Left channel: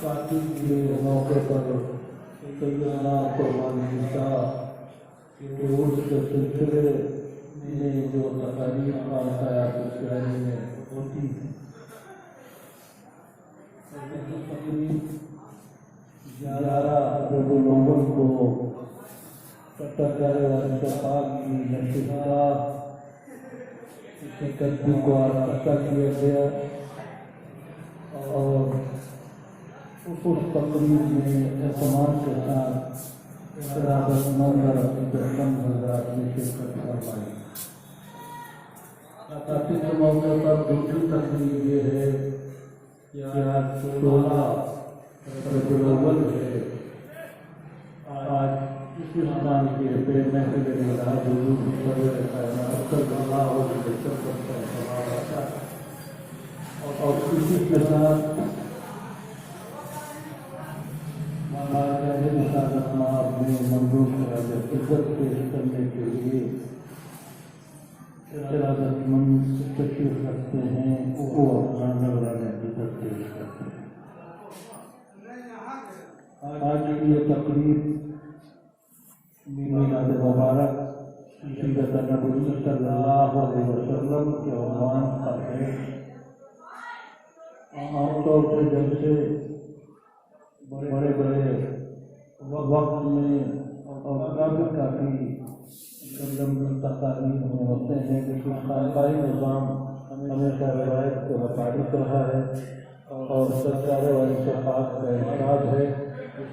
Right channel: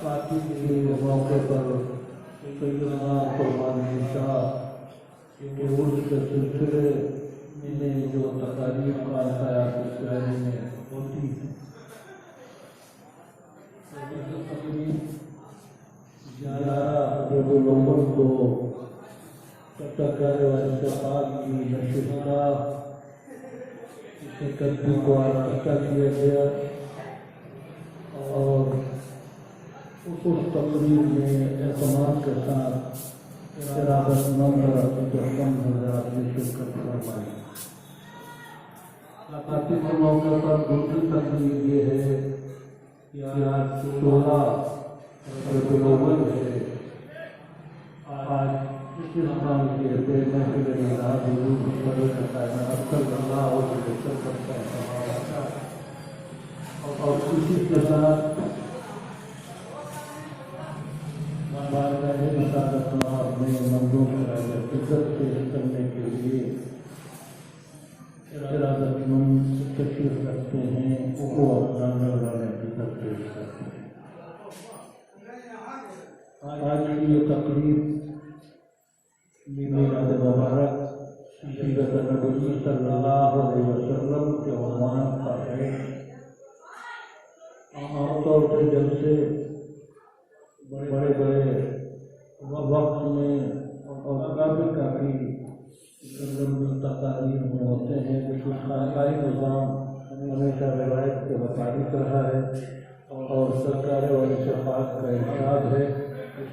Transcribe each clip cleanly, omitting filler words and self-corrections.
فاتح کے موقع پر سیدنا قربانی شاہ کے عرس کے سلسلے میں جو تقاریب کا حیات اسرائیل میں ہوتی ہے، تقریب 11 ربیع الاول کو سرکار اتفاق کی نشستگاہ اکتو کو آراستہ کیا گیا اور اس تقریب میں اہتمام کے ساتھ ارادت نمبر حضرات نے شرکت فرمائی۔ خاتم کے موقع پر دوسری تقریب یہ ہے کہ آج 16 ربیع الاول ہے۔ آج اس سال کے محفل میلاد حضور کائنات صلی اللہ علیہ وسلم کا اہتمام تھا اور اسی کے ساتھ اپنے مندوں سے عزت پیش کرنے کے لیے ارادت مند تشریف رکھتے ہیں، وہ اپنا نظرانہ عزت پیش کرتے ہیں۔ آج کی یہ تقریب میلاد مبارک سیرت نبوی صلی اللہ علیہ وسلم کے عنوان پر ہے۔ عام طور سے جیسے بڑے بڑے وقت میں اور کافی لمبی تقاریر میں ہوتے ہیں، لیکن خانقاہی نظام ہمیشہ روایت کے مطابق رہا ہے اور سرکار اتفاق کا ارشاد ہے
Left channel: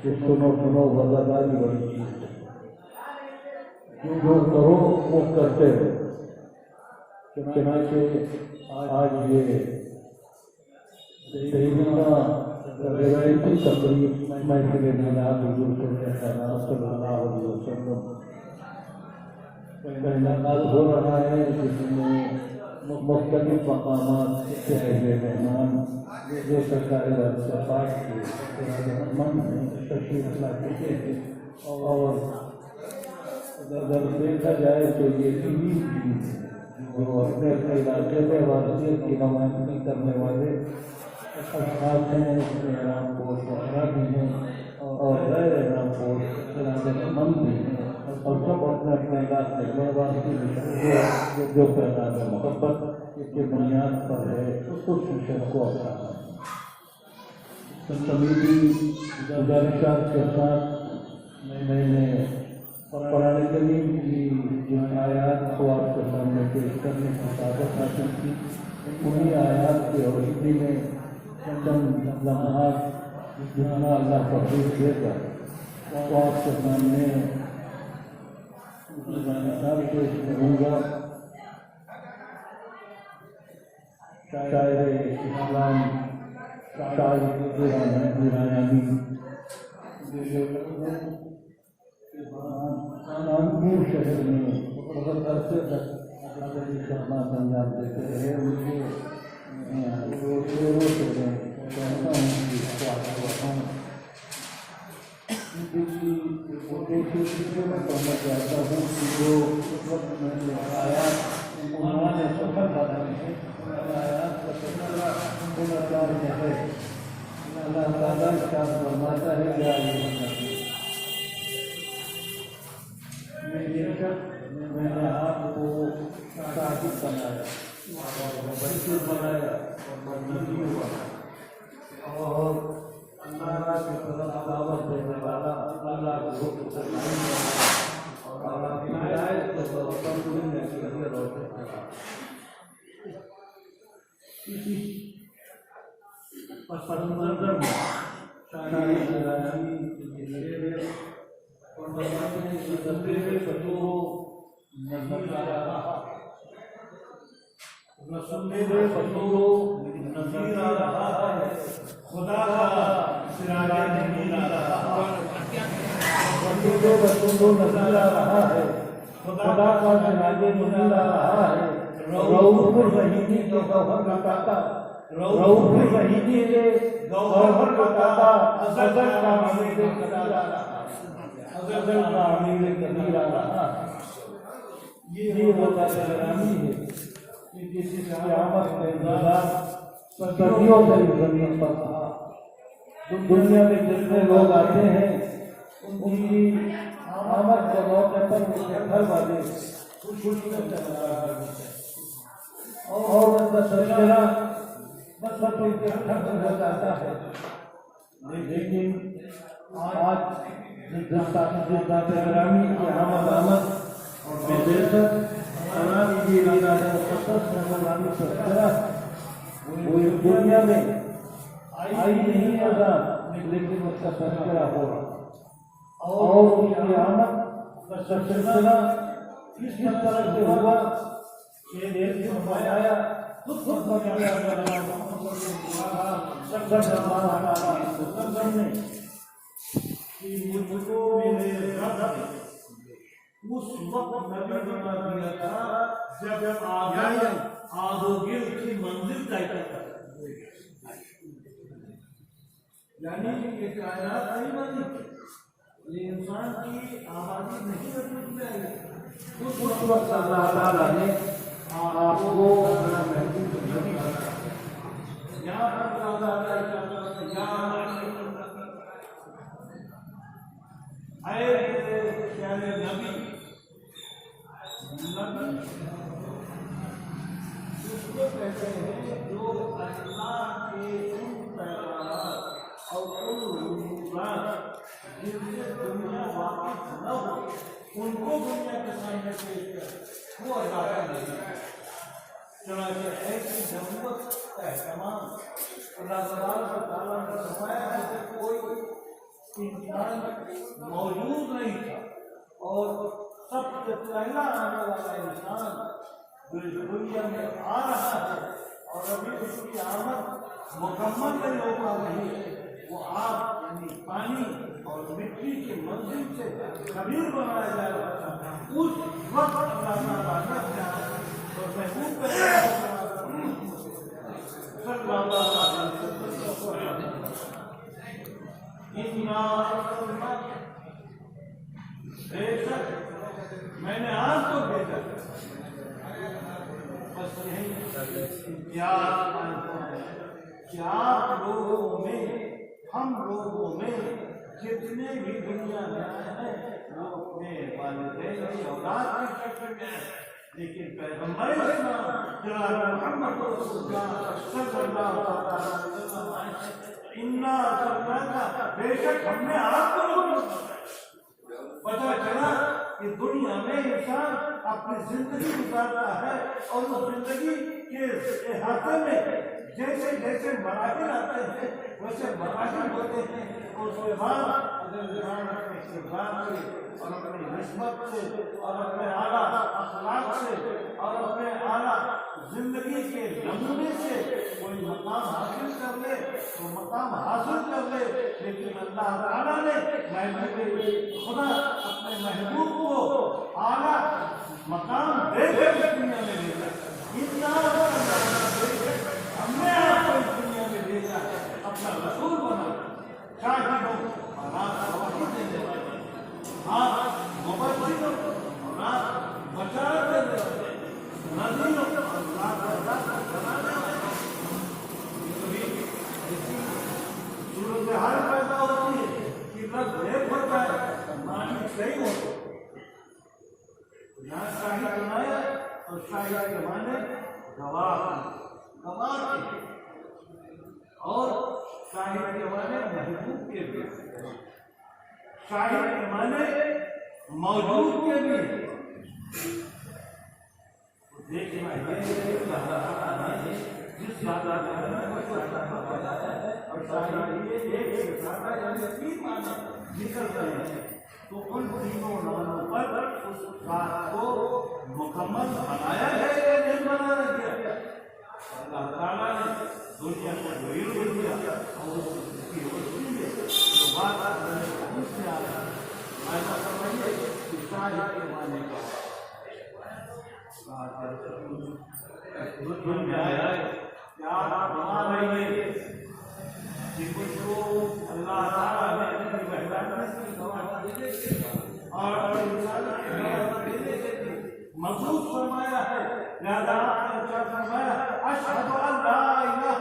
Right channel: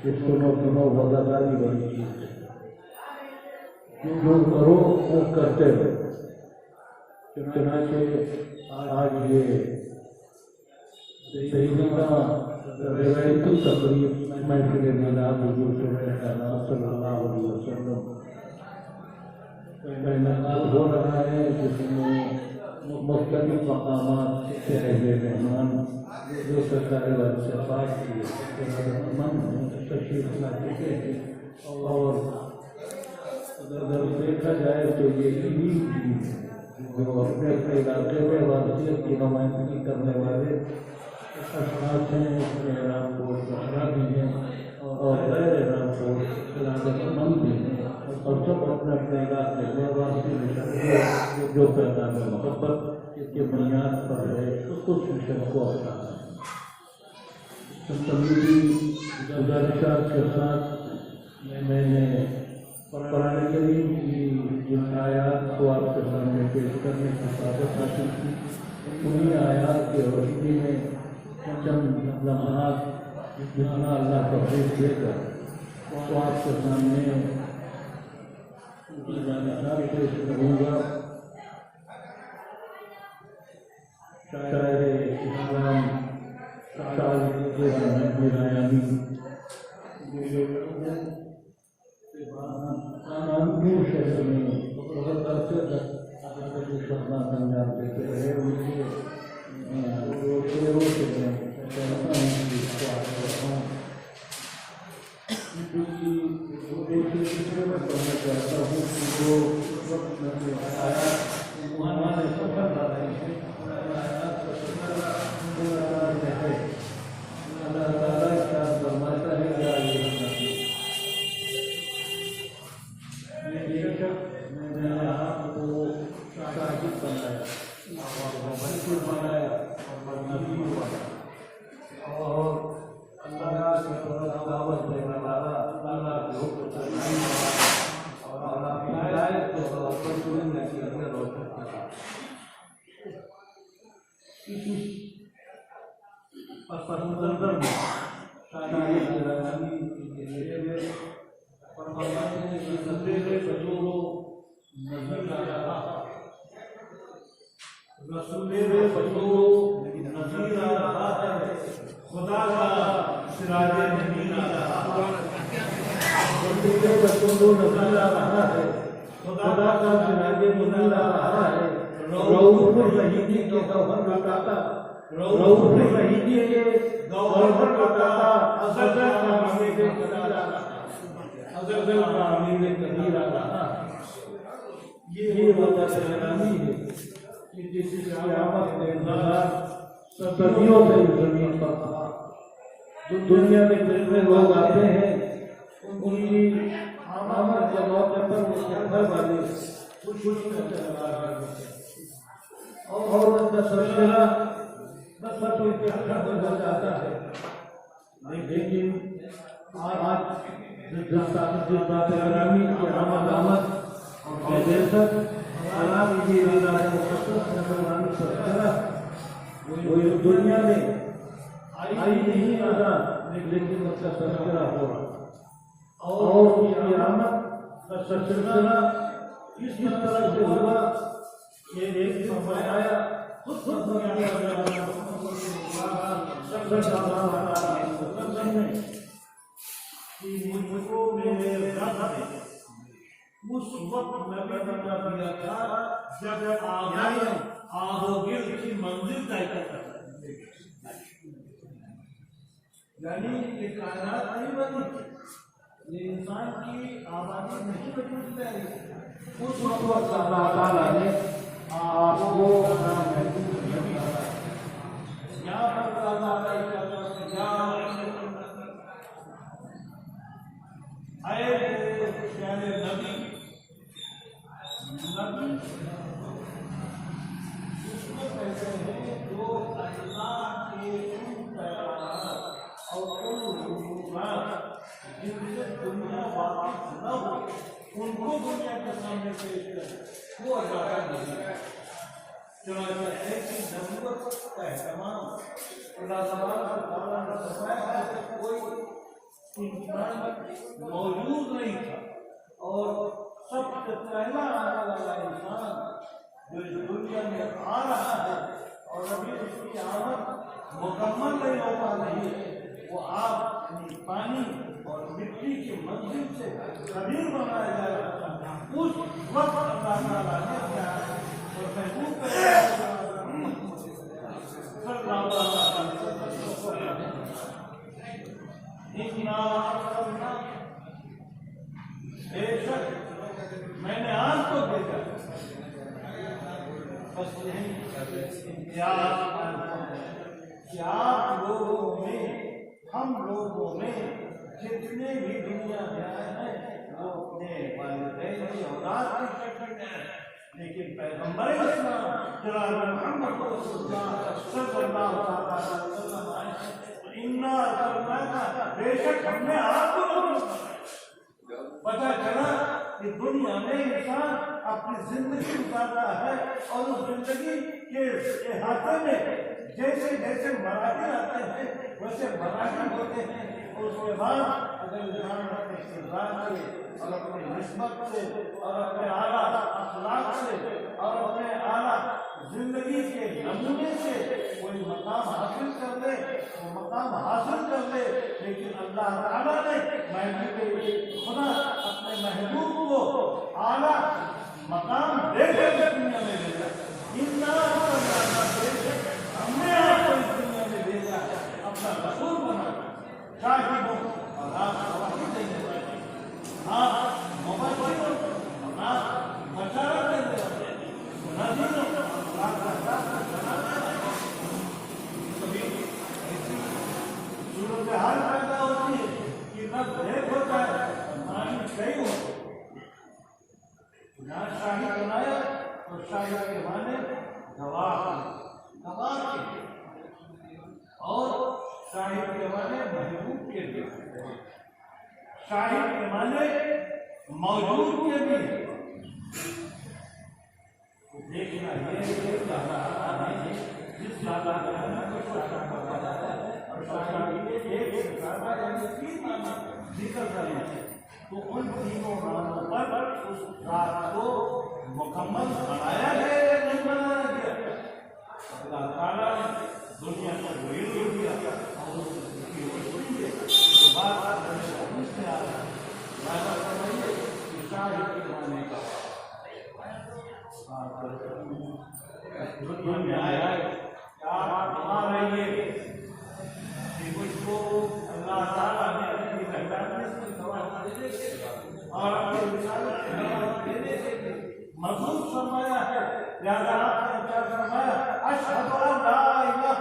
کہ سنو وزاداری بڑی چیز ہے، جو کرو وہ کرتے رہو۔ چنانچہ آج یہ سیدنا روایتی تقریب محفل میلاد حضور کائنات صلی اللہ علیہ وسلم کا انعقاد ہو رہا ہے، جس میں مختلف مقامات کے مہمان جو سرکار اتفاق کی ارادت مند تشریف لا چکے ہیں، اور اگر دیکھا جائے تو یہ عید بھی جو اپنے علاقے میں واضح کی نمائندگی کرنے والے اشخاص ہیں، اس میں رام پوش وغیرہ بھی ہیں اور غیر رام پوش ارادت مند بھی ہیں، اور سب اپنے اپنے علاقے میں واضح جو پیغام محبت کے بنیاد پر ہے اس مشن کو اپنانا ہے۔ تمہیدی گزارشات کے ساتھ میں نے قرآن کریم کی جن آیات کو آپ کے سامنے پیش کرنے کی سعادت حاصل کی، انہی آیات کی روشنی میں چند لمحات جتنا اللہ توفیق دے گا تو آپ کے سامنے جانکاری پیش کروں گا۔ شاعر اسلام کانپور شہر میں بہت عرصے تک ادبی خدمات انجام دیتے رہے، ان کے شعروں سے میں چاہتا ہوں کہ اس کو آپ کو بتاؤں۔ میں کہنا چاہتا ہوں کہ جو اس وقت میں جو آیات انہوں نے سفر ڈالا ہے، آیات کا سفر میں ہے، اللہ تعالیٰ ارشاد فرماتا ہے یا بے شک میں نے آپ کو شاہد بنایا اور بنایا اور نبی ہوا اور اللہ کی طرف دعوت دینے والا، اللہ کے حکم سے نہیں اور اللہ کی ہدایت کے طور پر دنیا کے اندر روشن کرا۔ اسی پس منظر میں شاعر جلالی کے لیے فرماتے ہیں کہ تصویر جو نظر آ رہا رسول نظر آ رہا ہے، خدا کا سراج نبی آ رہا ہے، رسول نظر آ رہا ہے، خدا کا سراج نبی آ رہا ہے، رؤوف الرحیم کے گوہر کا داتا، رؤوف الرحیم کے گوہر کا داتا، ازل کا امیر کبیر آ رہا ہے، ازل کا امیر کبیر آ رہا ہے۔ یہ وہ دلانی ہے جس کی آمد کا انتظار صدیوں سے زمین پر تھا، دنیا میں جتنے لوگ آتے ہیں ان کی آمد کے موقع پر وہ گھر والے خوشی میں چل رہا ہے اور ان کا سلسلہ بس ان کے ختم ہو جاتا ہے. لیکن آج جس ذات گرامی کی آمد اور بیدرد آرام کی مقدس نظرانی سلسلہ وہ دنیا میں آئی نہیں آزاد لیکن اس کا تذکرہ ہو رہا اور اس کی آمد کا سلسلہ اس طرح سے ہوا کہ ایک دن فرمایا خود مجھ کو میرے رب نے اس وقت میں بتا دیا تھا جب آگ و گرد کی منزل طے کرتا ہے. یعنی یہ کائنات نہیں بنی، یہ انسان کی آبادی نہیں بنی. اس وقت اللہ تعالیٰ نے آپ کو ان کو دنیا کے سامنے پیش کر وہ اجازت نہیں. چنانچہ ایسی ضرورت کا اہتمام اللہ تعالیٰ نے فرمایا کہ کوئی انسان موجود نہیں تھا اور سب سے پہلا آنے والا انسان جو اس دنیا میں آ رہا ہے اور ابھی اس کی آمد مکمل نہیں ہو پا رہی ہے، وہ آگ یعنی پانی اور مٹی کی منزل سے خبیر بنایا جا رہا تھا. اس وقت اللہ تعالیٰ نے اور محبوب بے شک میں نے آج کو دیکھا بس نہیں کہ آپ لوگوں میں ہم لوگوں میں جتنے بھی دنیا میں آئے ہیں وہ اپنے والدین کی اولاد کی شکل میں ہیں، لیکن پیغمبر اسلام جناب محمد رسول اللہ صلی اللہ علیہ وسلم بے شک ہم نے آپ کو پتا چلا کہ دنیا میں انسان اپنی زندگی گزارتا ہے اور اس زندگی کے احاطے میں جیسے جیسے مراحل آتے ہیں ویسے مراحل ہوتے ہیں. اور اس کے بعد اگر انسان اپنے استقبال سے اور اپنی نسبت سے اور اپنے اعلیٰ اخلاق سے اور اپنے اعلیٰ زندگی کے نمونے سے کوئی مقام حاصل کر لے تو مقام حاصل کر لے. لیکن اللہ تعالیٰ نے محبوب خدا اپنے محبوب کو اعلیٰ مقام دے کر اس دنیا میں بھیجا. ہم نے آپ کو اس دنیا میں بھیجا اپنا رسول بنا شاہدوں اور آپ گواہی دینے والے، آپ مبشروں اور آپ بشارت دینے والے، نذیروں اور آپ بنانے والے. کبھی ایسی صورتحال پیدا ہوتی ہے کہ بس دیکھ ہو جائے مانی صحیح ہو. یہاں شاہد بنایا اور شاہد کے معنی گواہ اور شاہد کے معنی محبوب کے بھی، شاہد کے معنی موجود کے بھی. دیکھنا یہ جس بات اور شاہد ذکر کریں تو ان تینوں ناموں پر اس رات کو مکمل بنایا گیا یا نہیں بنایا گیا. اللہ تعالیٰ نے دنیا کو وہی دے دیا اور اس کی روشنی ہے تو بات حدیث میں آ رہا ہے. ایسا فرمائیے کہ شاہد کے معنی کا دنیا میں آیا ہے کہ آپ بنا رہیے کہ کچھ کو اللہ تعالیٰ نے اپنی مہربانی سے گواہ دینے کے اور اپنی رسالت کی گواہ دینے کے مضبوط فرمایا ہے. لہذا آپ نے کیا فرمایا؟ اشہد ان لا الہ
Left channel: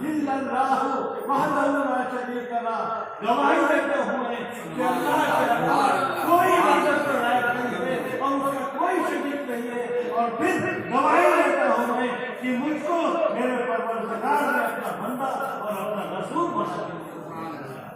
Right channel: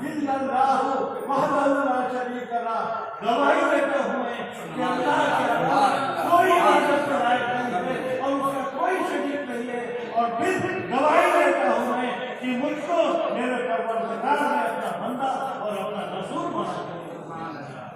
الا اللہ وحدہ لا شریک لہ गवाही देता हूँ कि अल्लाह के अलावा कोई इबादत के लायक नहीं है और उसका कोई शरीक नहीं है। और फिर गवाही देता हूँ मैं कि मुझको मेरे परवरदिगार ने अपना बंदा और अपना रसूल बना दिया।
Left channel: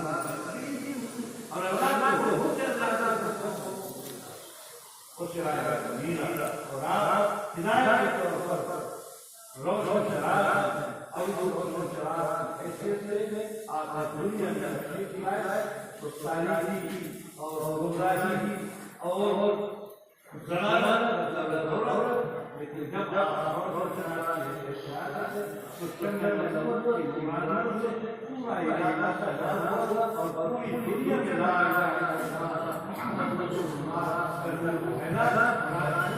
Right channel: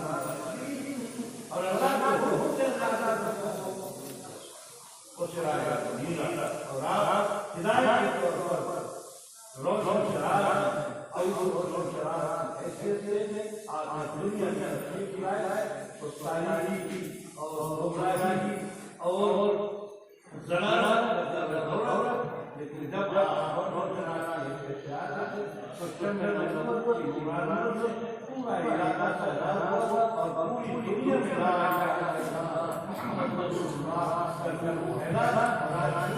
اللہ सिराज मीरा और आप हिदायत के तौर पर रोज़ चराग और चराग ऐसे आप दुनिया में तकलीफ लाए उस तारीफ की और गुमराही और ज़लाल लेकिन जब आप रोज़ चराग तो चंद नज़र की गुमराही से पूरा इलाका सजा हुआ और पूरी दुनिया में मोहम्मद रसूलुल्लाह सल्लल्लाहु अलैहि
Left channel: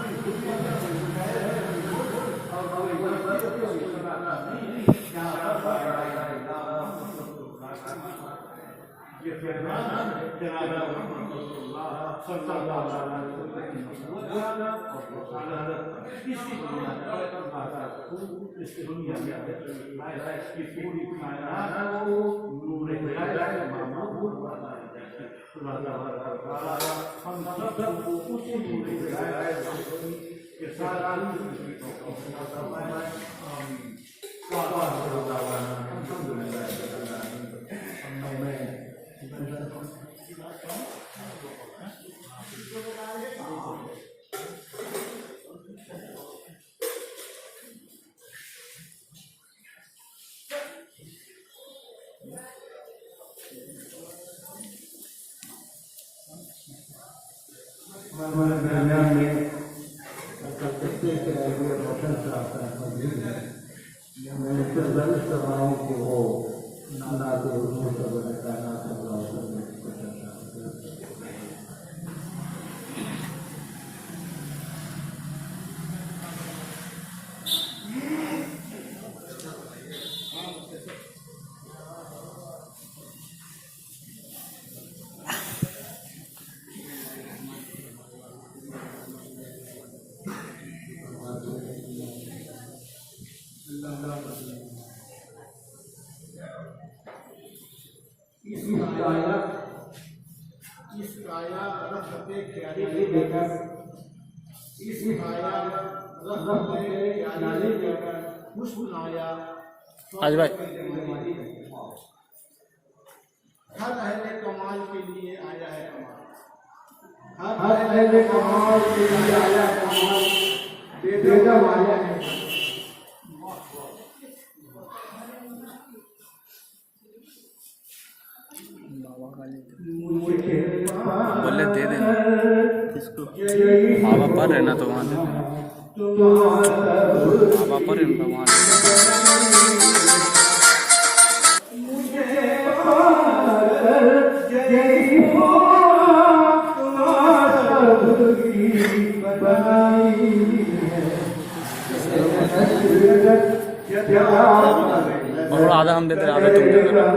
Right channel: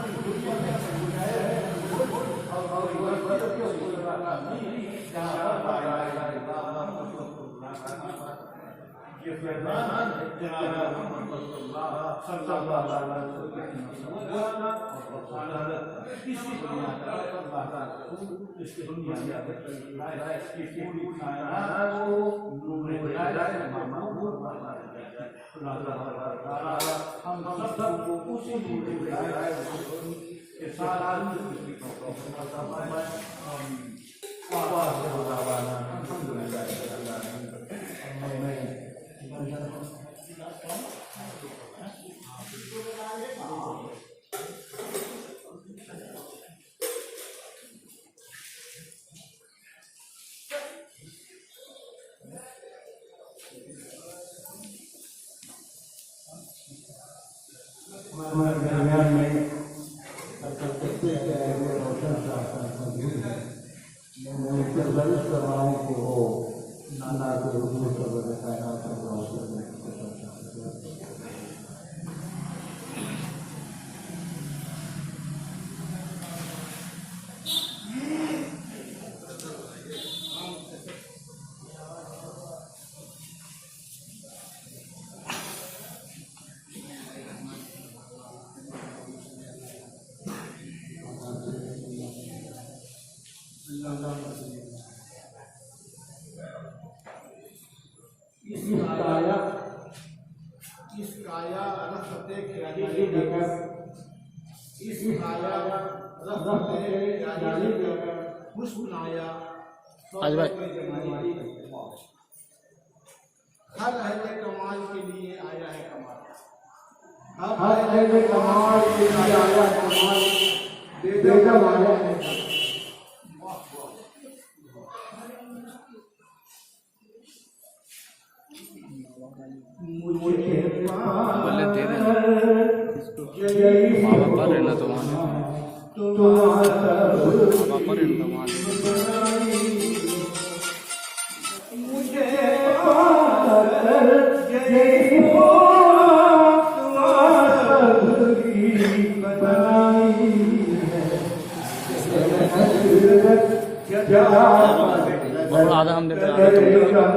ये फरमान जनाब मोहम्मद रसूलुल्लाह सल्लल्लाहु अलैहि वसल्लम इसकी दुनिया में इसकी पूरी कायनात को नूर हिदायत मामूल बनाया जाता है। हम सबको उसी नूर हिदायत के साथ आज भाई हर अहले कमाल के लिए आया है कमाल, हर अहले कमाल के लिए आया है कमाल, बेगम आया है। बोले दे देना इसको, माँ बाप पर रहना तो वहाँ दे, माँ बाप पर रहना तो वहाँ दे। और आधा हम देते आधा तुम वीडियो सब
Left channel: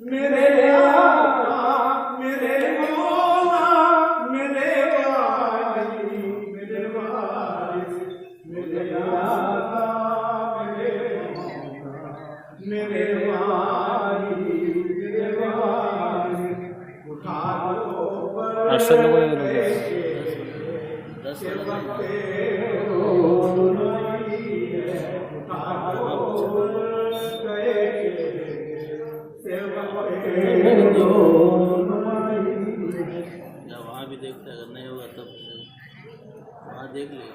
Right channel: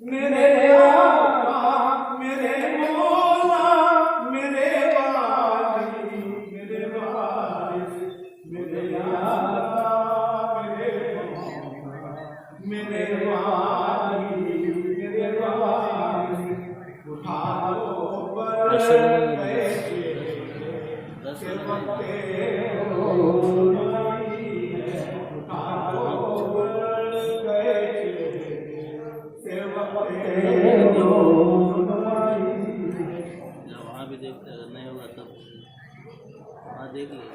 मेरे वहाँ भी देखते हैं, अगर नहीं होगा तब वहाँ देख लिया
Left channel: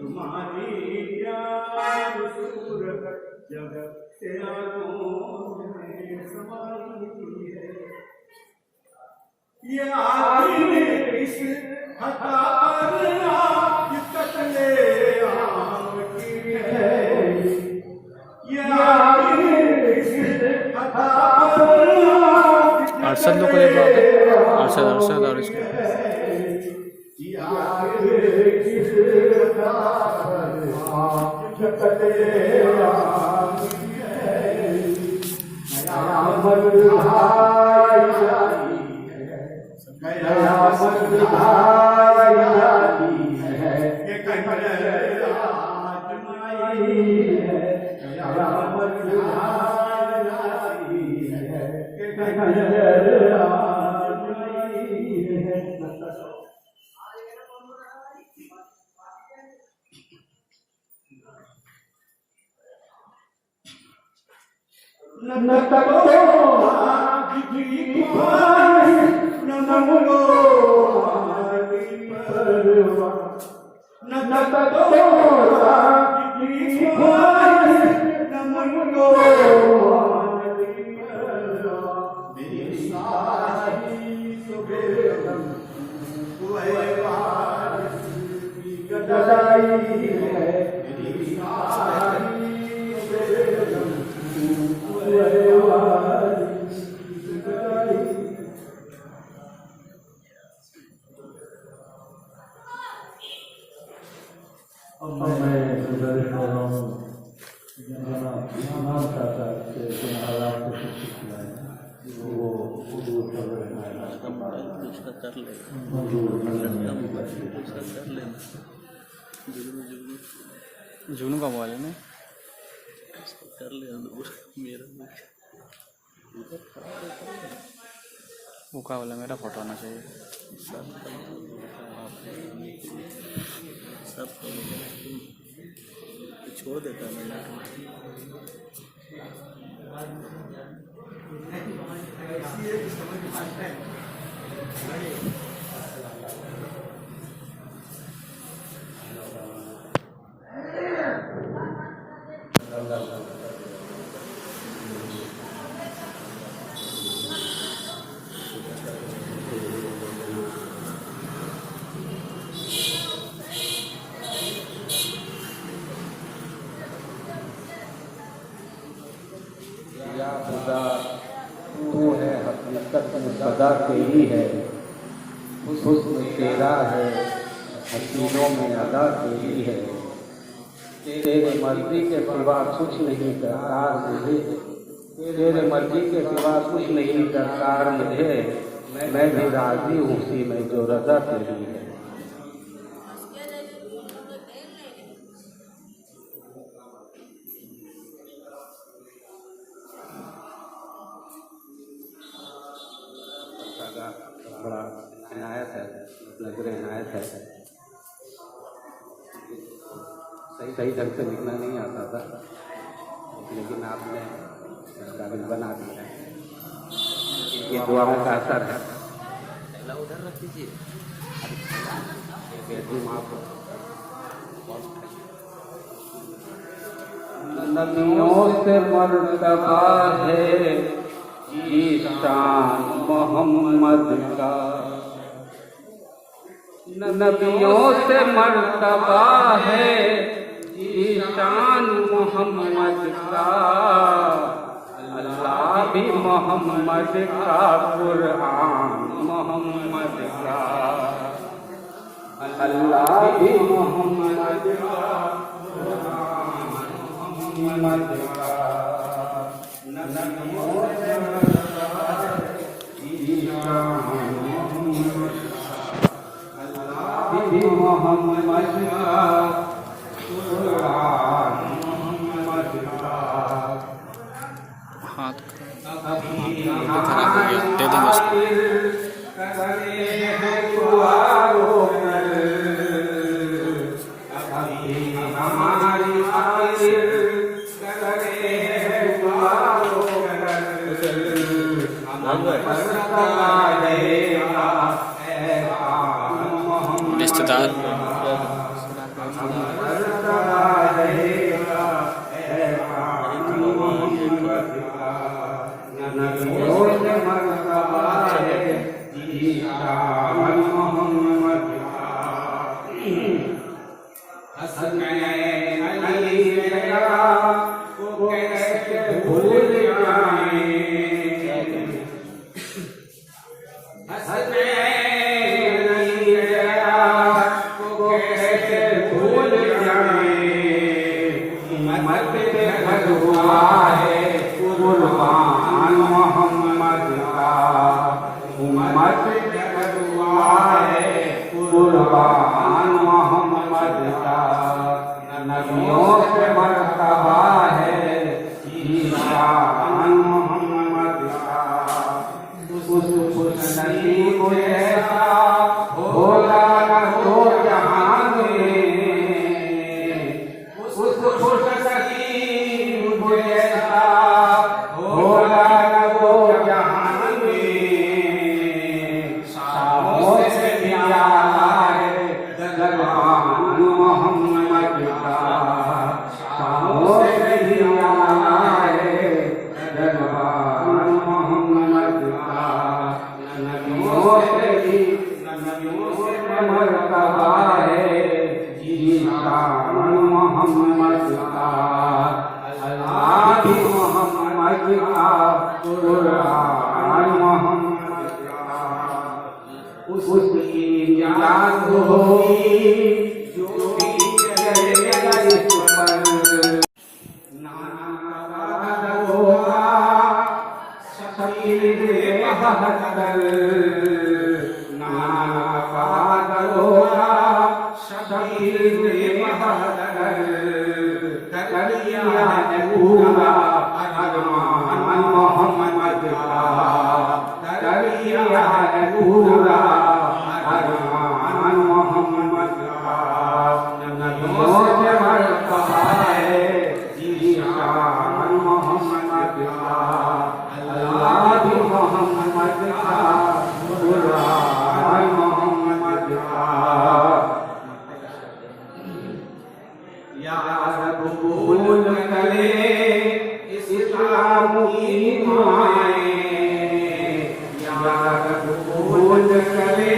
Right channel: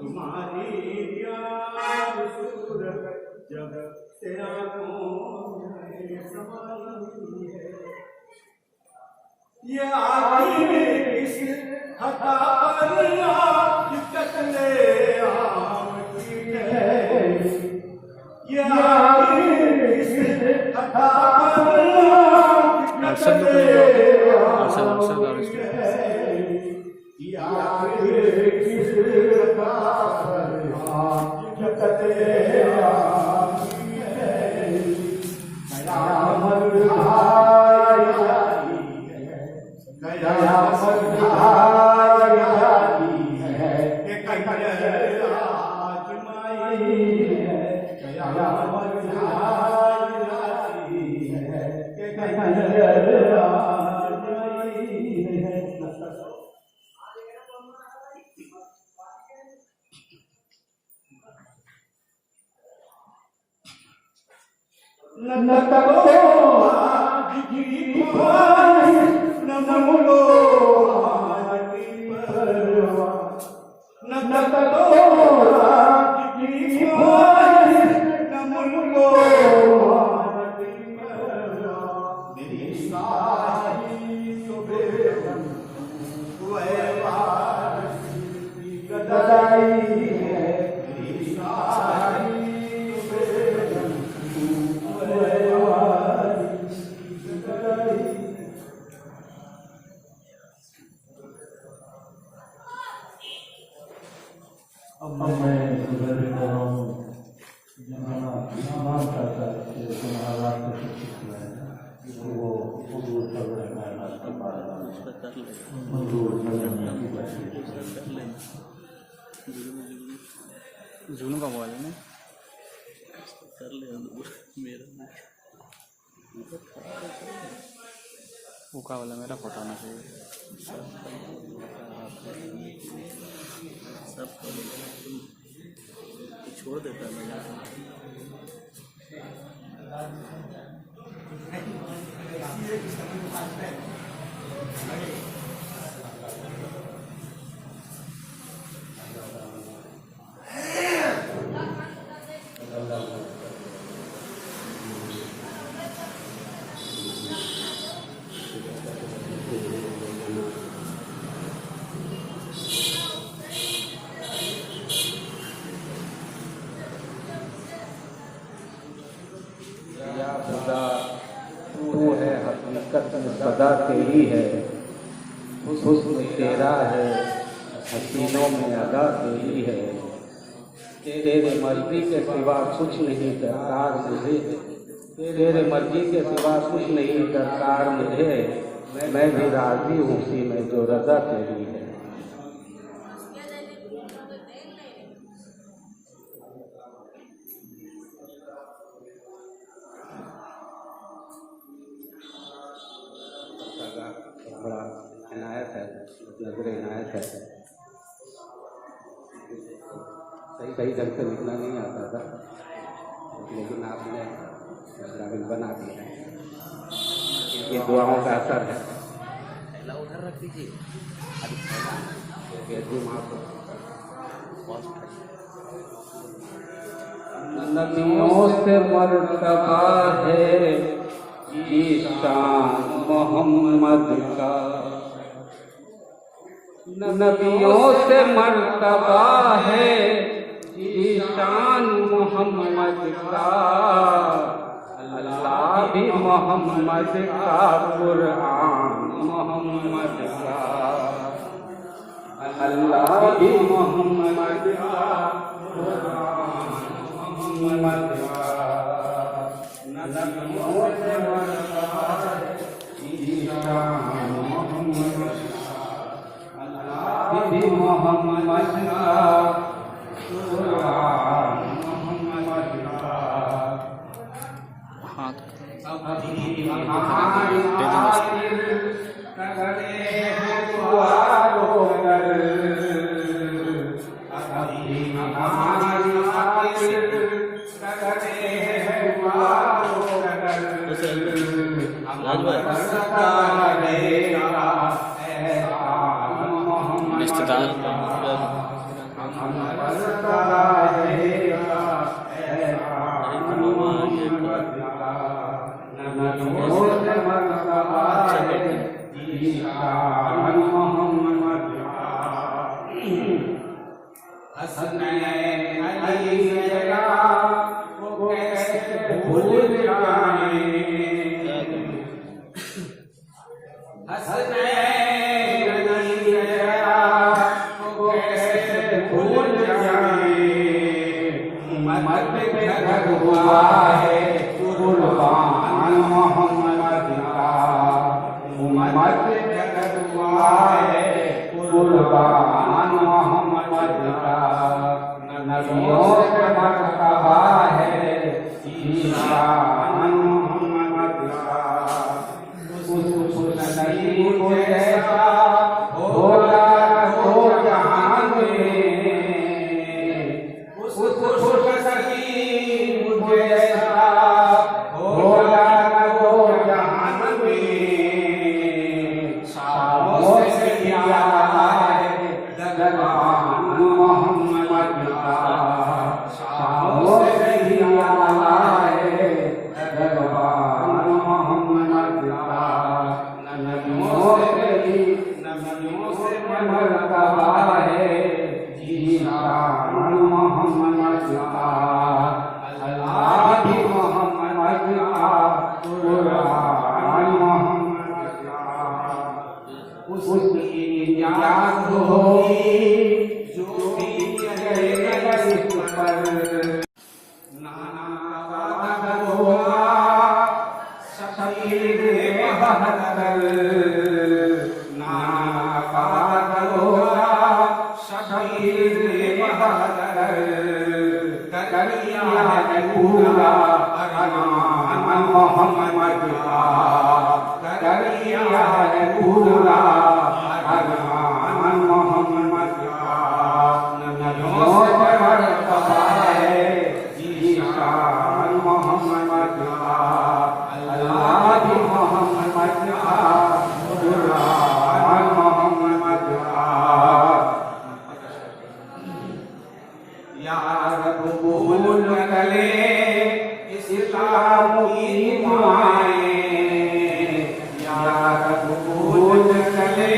तुम्हारी प्यार सूरत जग से आँखों में समाई है। ये आखिर इस हटा पर आप कटले आम की है। ये आखिर इस हटा पर आप अरशद को ले लो, अरशद और इसके अब मैं गुजारिश कर रहा हूँ इमाम साहब से तुम्हारा से शिक्षित किया है वो मंजूर कर लेना मंजूर कर लेना जुनू का मोबाइल है ना, कर ले मेरा वो का वाला मेरा फोटो आना चाहिए सब छोड़ देता हूँ तू है हकीकत में सदा तेरी है, हुस्न तेरा है, हसीनों में अदा तेरी है। तेरे मर्जी के सिवा कुछ नहीं दरकार मुझे, तेरे मर्जी के सिवा कुछ नहीं दरकार मुझे। मैं भी राजी हूँ उसी में जो रजा तेरी है। बड़ा इनायत है, नजर इनायत है। सही ढंग से लिखना नहीं आता था, लेकिन आपने काबिल बना दिया। ये दुआओं का असर है। उधर रख दीजिए। नबियों से मर्तबा है ये शान मोहम्मद का, नबियों से मर्तबा है ये शान मोहम्मद का। अल्लाह भी मोहम्मद का, कुरान मोहम्मद का। अल्लाह भी मोहम्मद का, कुरान हाथ दे देंगे उसको। रिश्तेदार नबियों से मर्तबा है ईशान मोहम्मद का। उस नबी को जैसा होला तो जहान में, उस नबी को जैसा होला तो जहान में। शामों से प्यारा है दरबान मोहम्मद का। शामों से प्यारा है दरबान मोहम्मद का। नबियों से मर्तबा है ईशान मोहम्मद का। अल्लाह भी मोहम्मद का, कुरान मोहम्मद का। उसकी याद होगी जो भी चलेगा इस पर। नाना होगा शकीर 72, नाना होगा शकीर 72। करिया है पूरा अरमान मोहम्मद का। करिया है पूरा अरमान मोहम्मद का। नबियों से मर्तबा है ईशान मोहम्मद का। अल्लाह भी मोहम्मद का, कुरान मोहम्मद का। या रब कबूल करे इस्लाम की दुआएं। या रब कबूल करे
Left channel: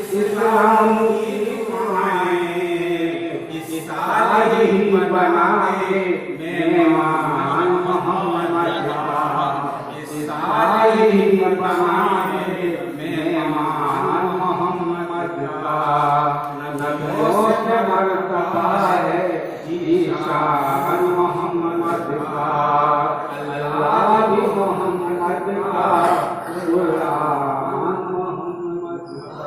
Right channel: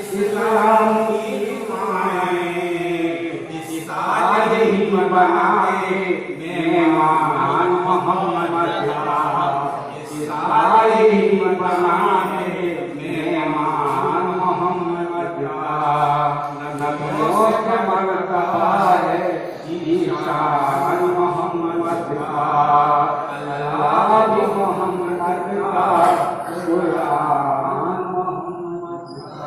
इस्लाम की दुआएं। सालिह बनाए मेहमान मोहम्मद का। सालिह बनाए मेहमान मोहम्मद का। नबियों से मर्तबा है ईशान मोहम्मद का। अल्लाह भी मोहम्मद का, कुरान मोहम्मद का।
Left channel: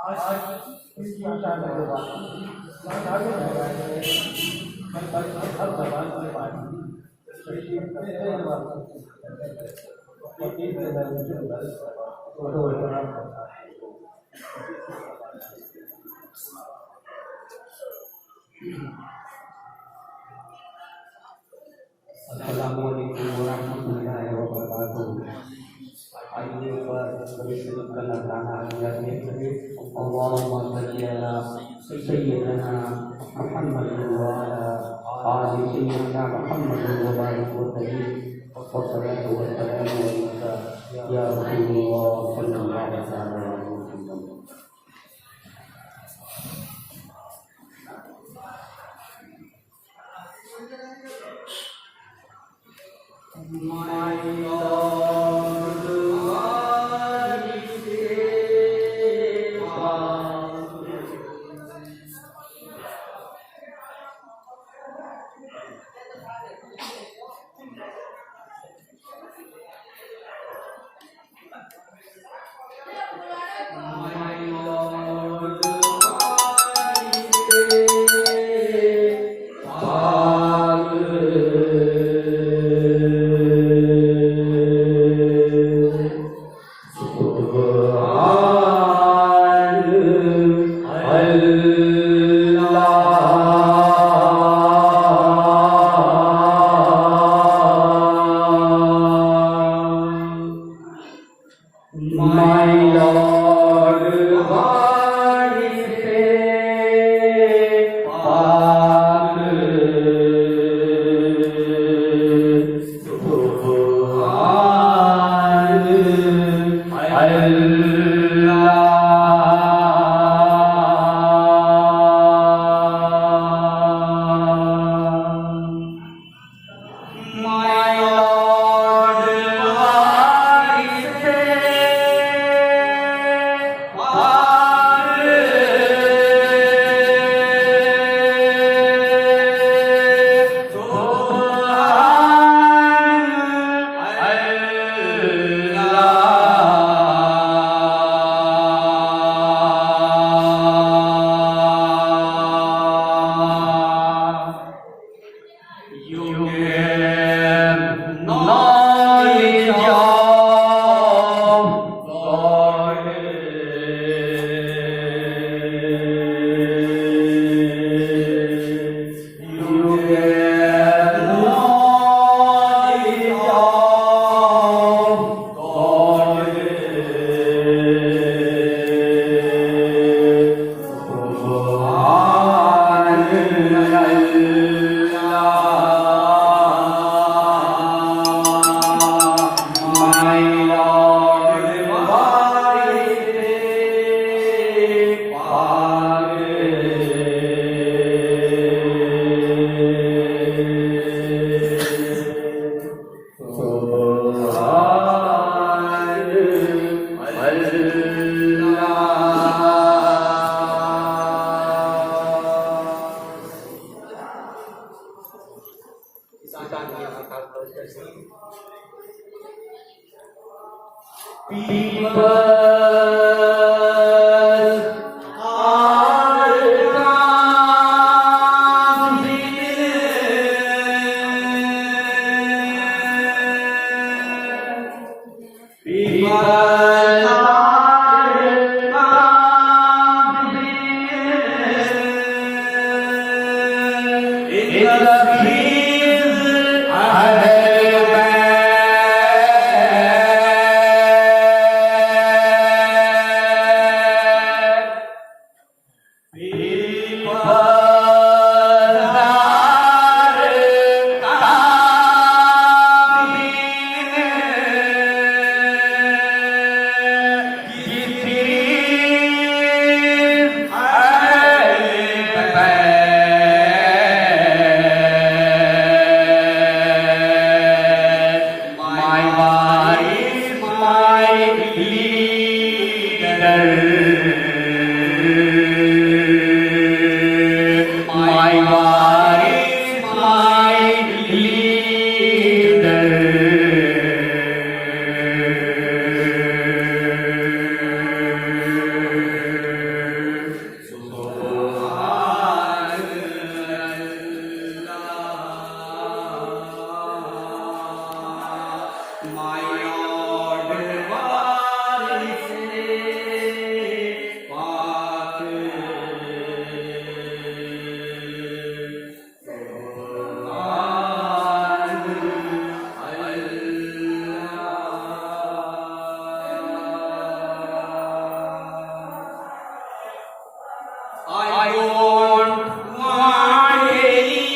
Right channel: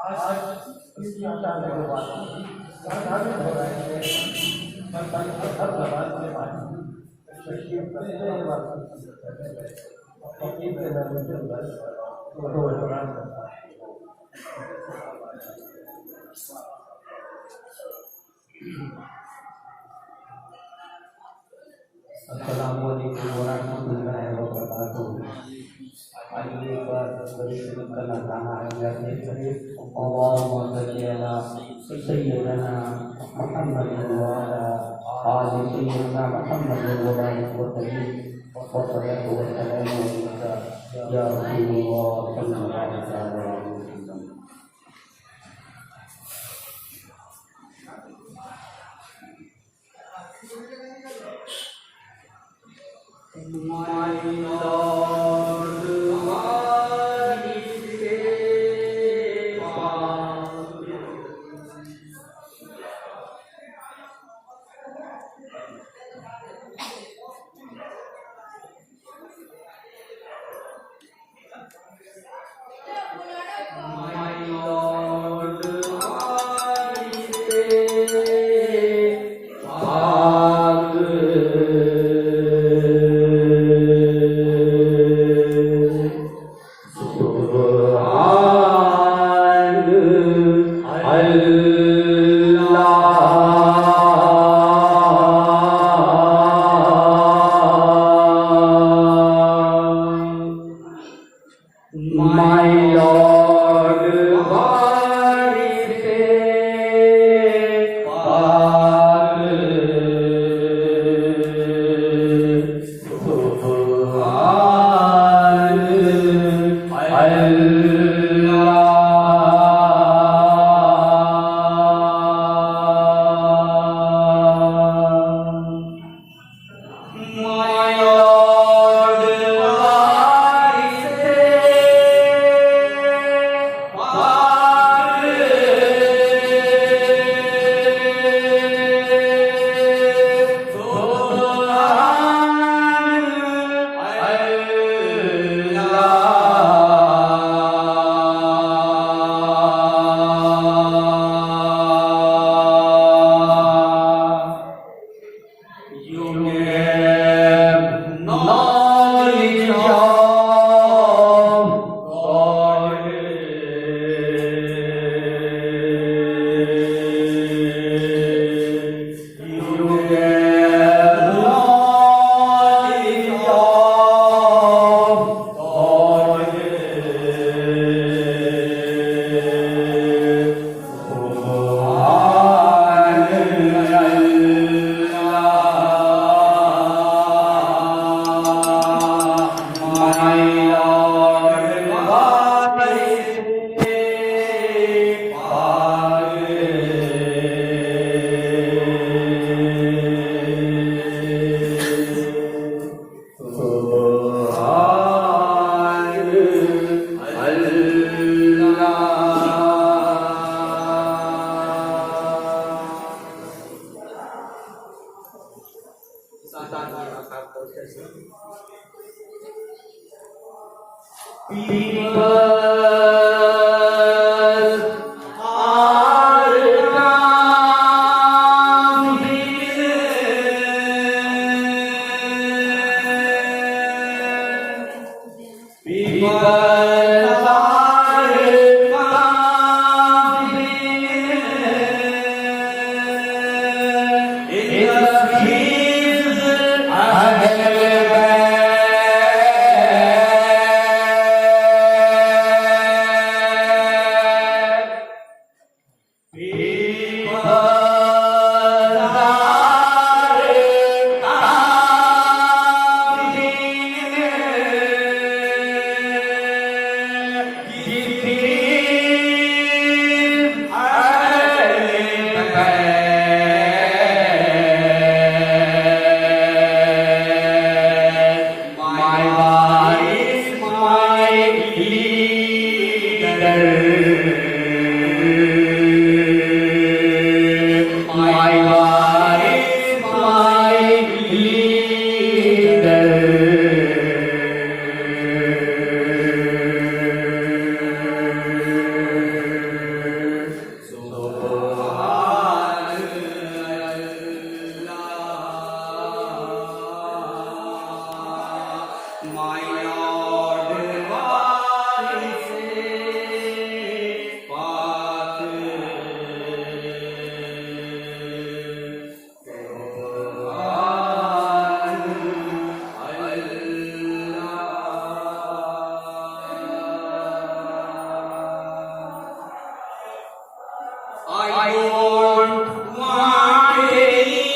आज Assalamualaikum warahmatullahi wabarakatuh. Ayo bersyukur tanah yang ini. Allahumma shalli ala sayyidina Muhammad wa ala ali sayyidina Muhammad wa barik wa sallim. Wassalatu wassalamu alayka ya Rasulullah sallallahu alaihi wasallam. My Lord, what is it? My Lord, what is My Lord, what is it? My Lord, what is You give knowledge of God. You give knowledge of God. My Lord, what is it? People are coming. People are coming in the streets my Lord, वारिसे पाक I don't want anything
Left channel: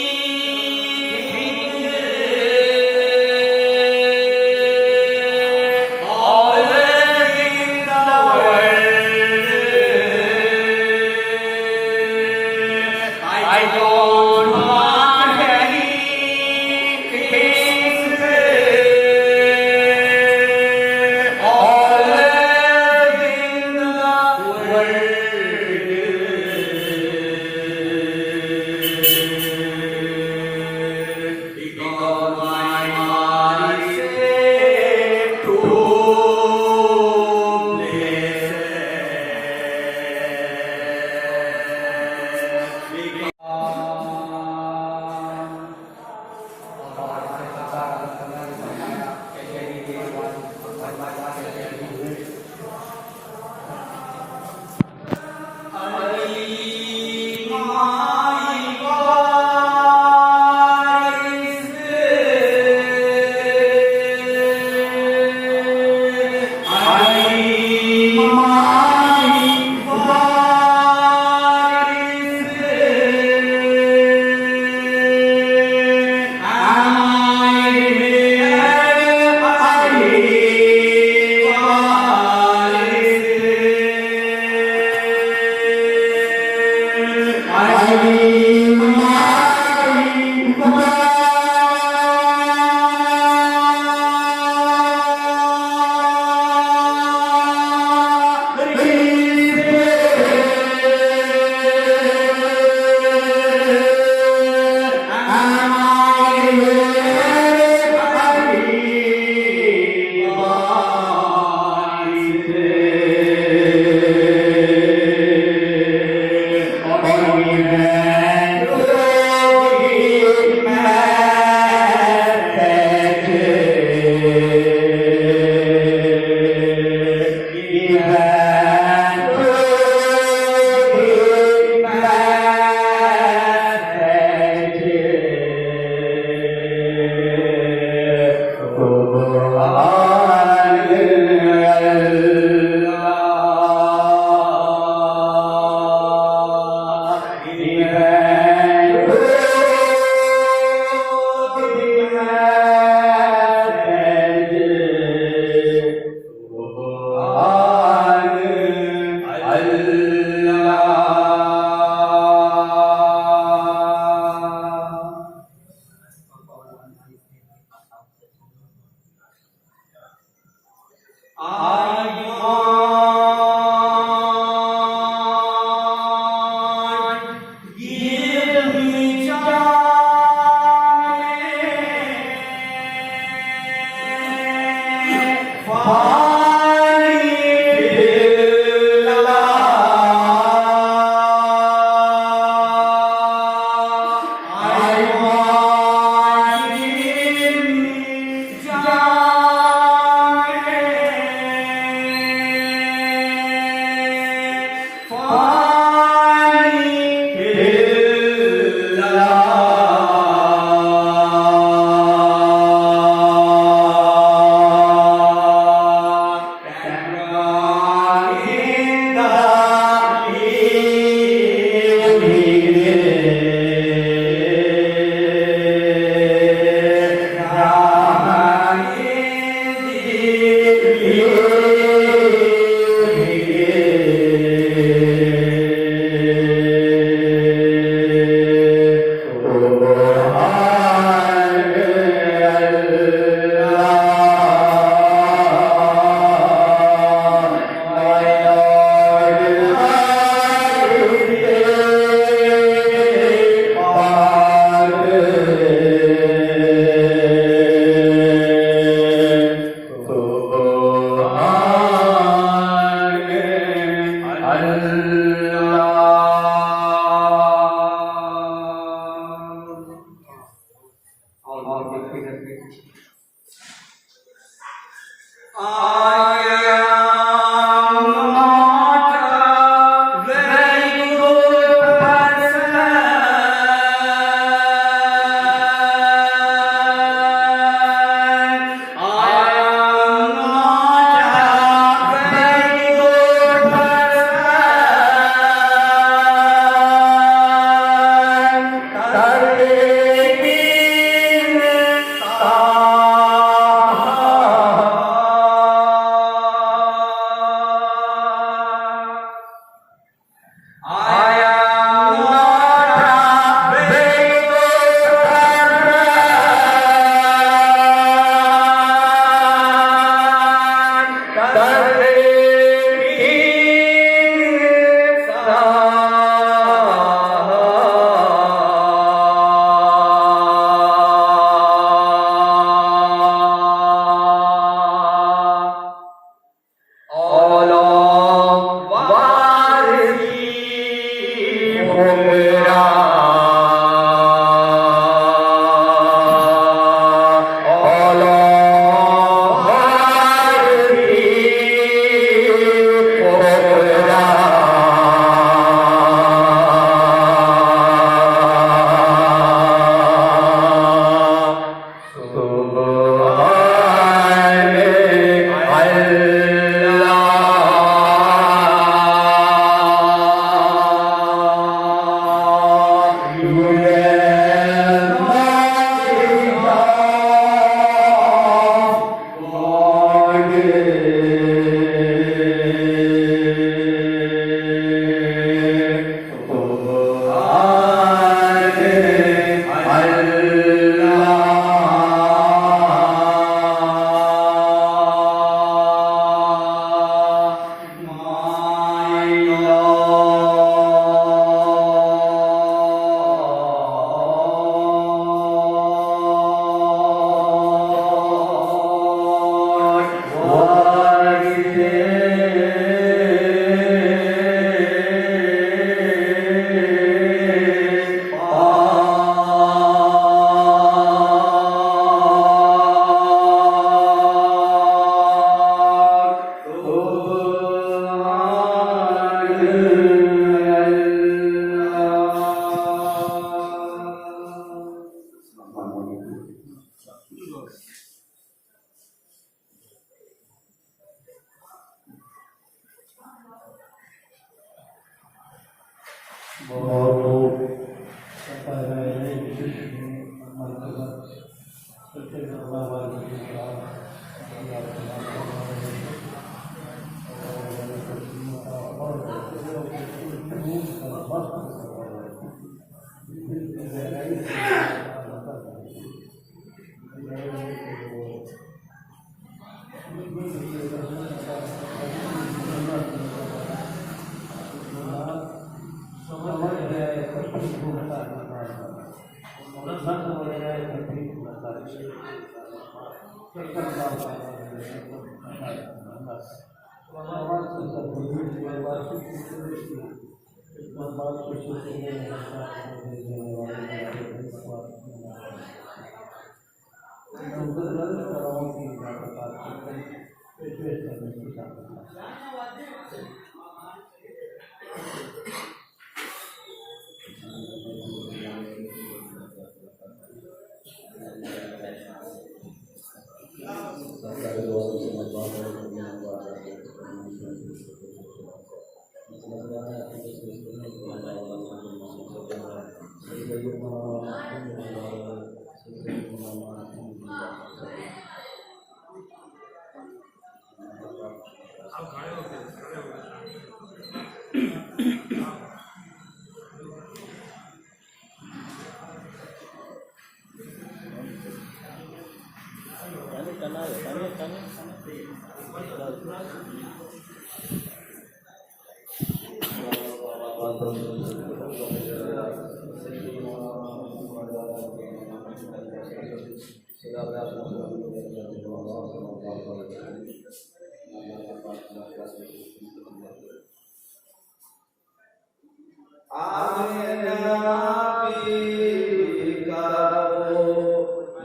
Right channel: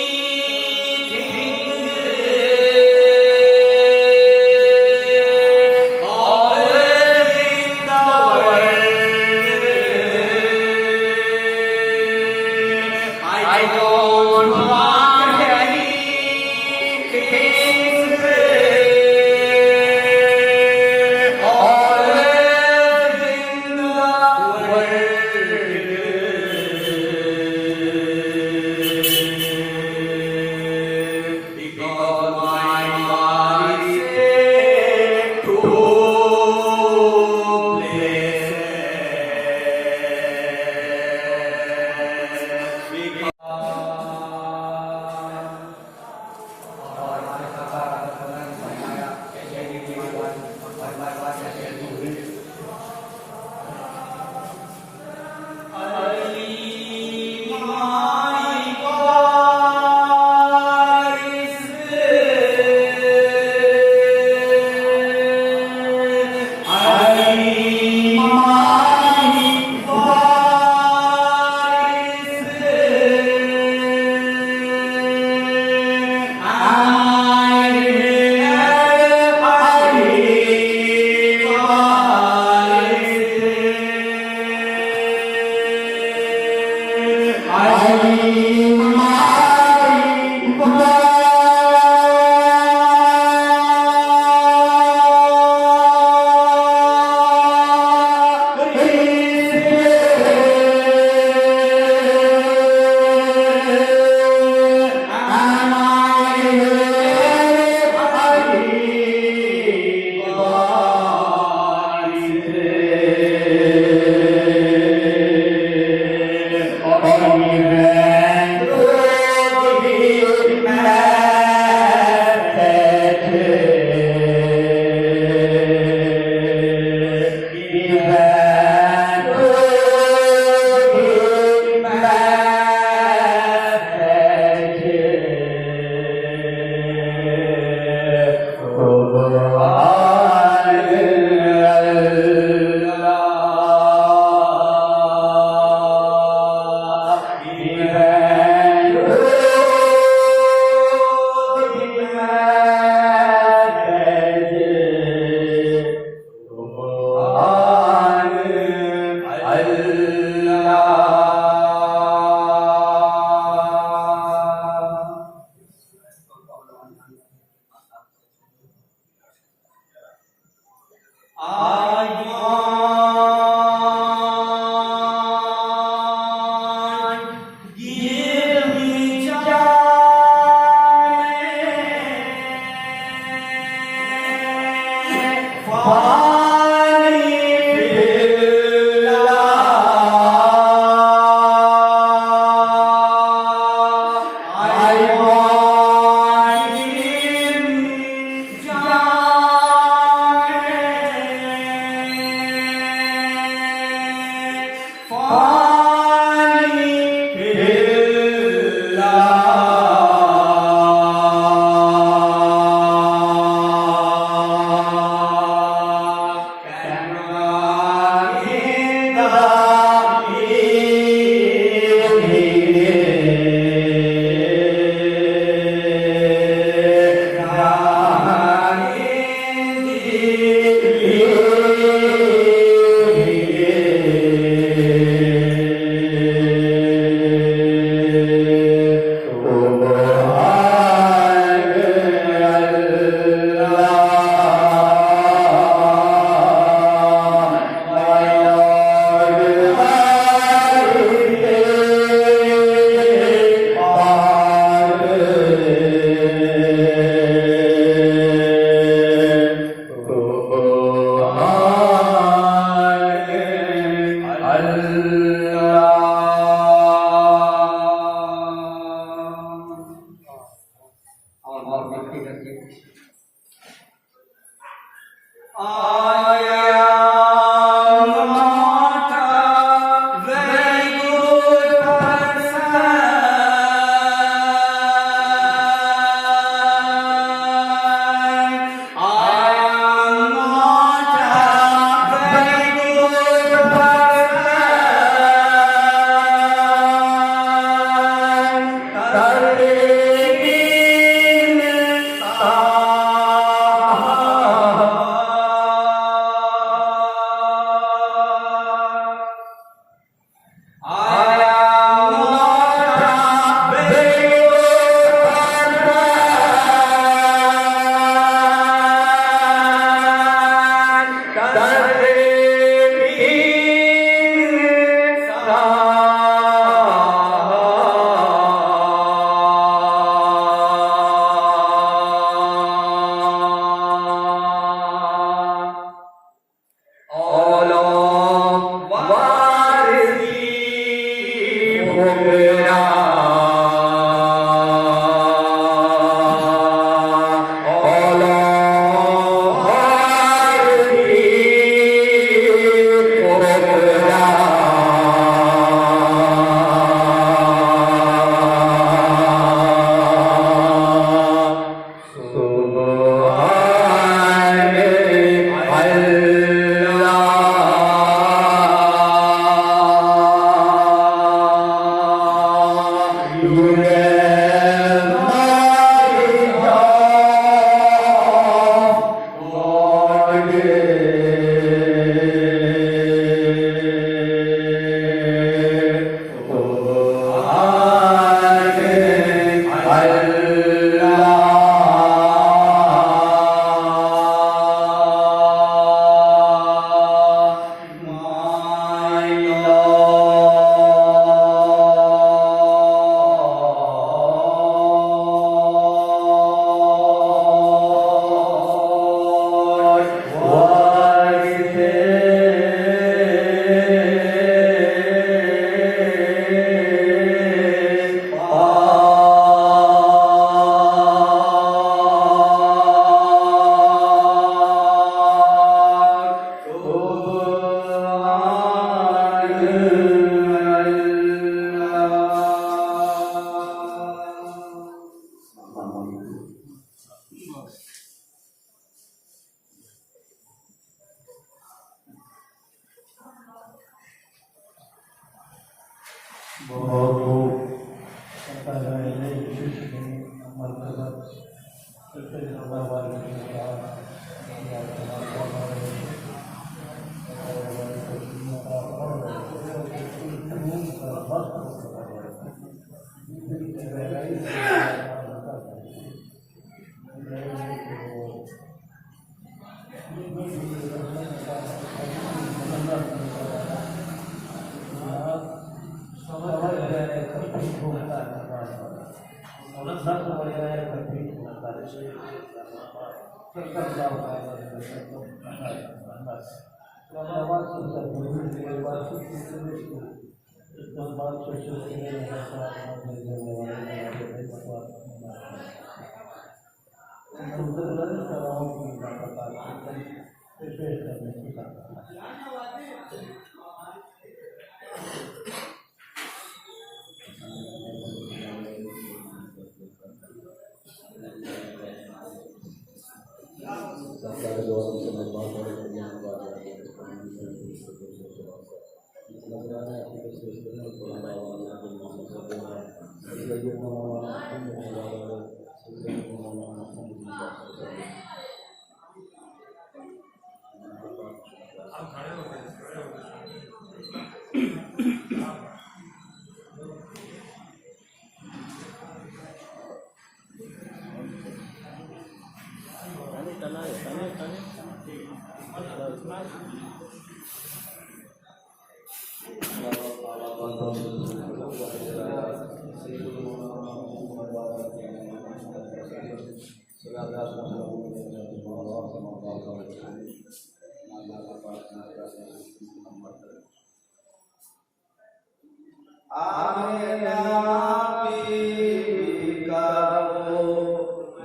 all in the world. I don't want anything all in the world. Because my heart is set to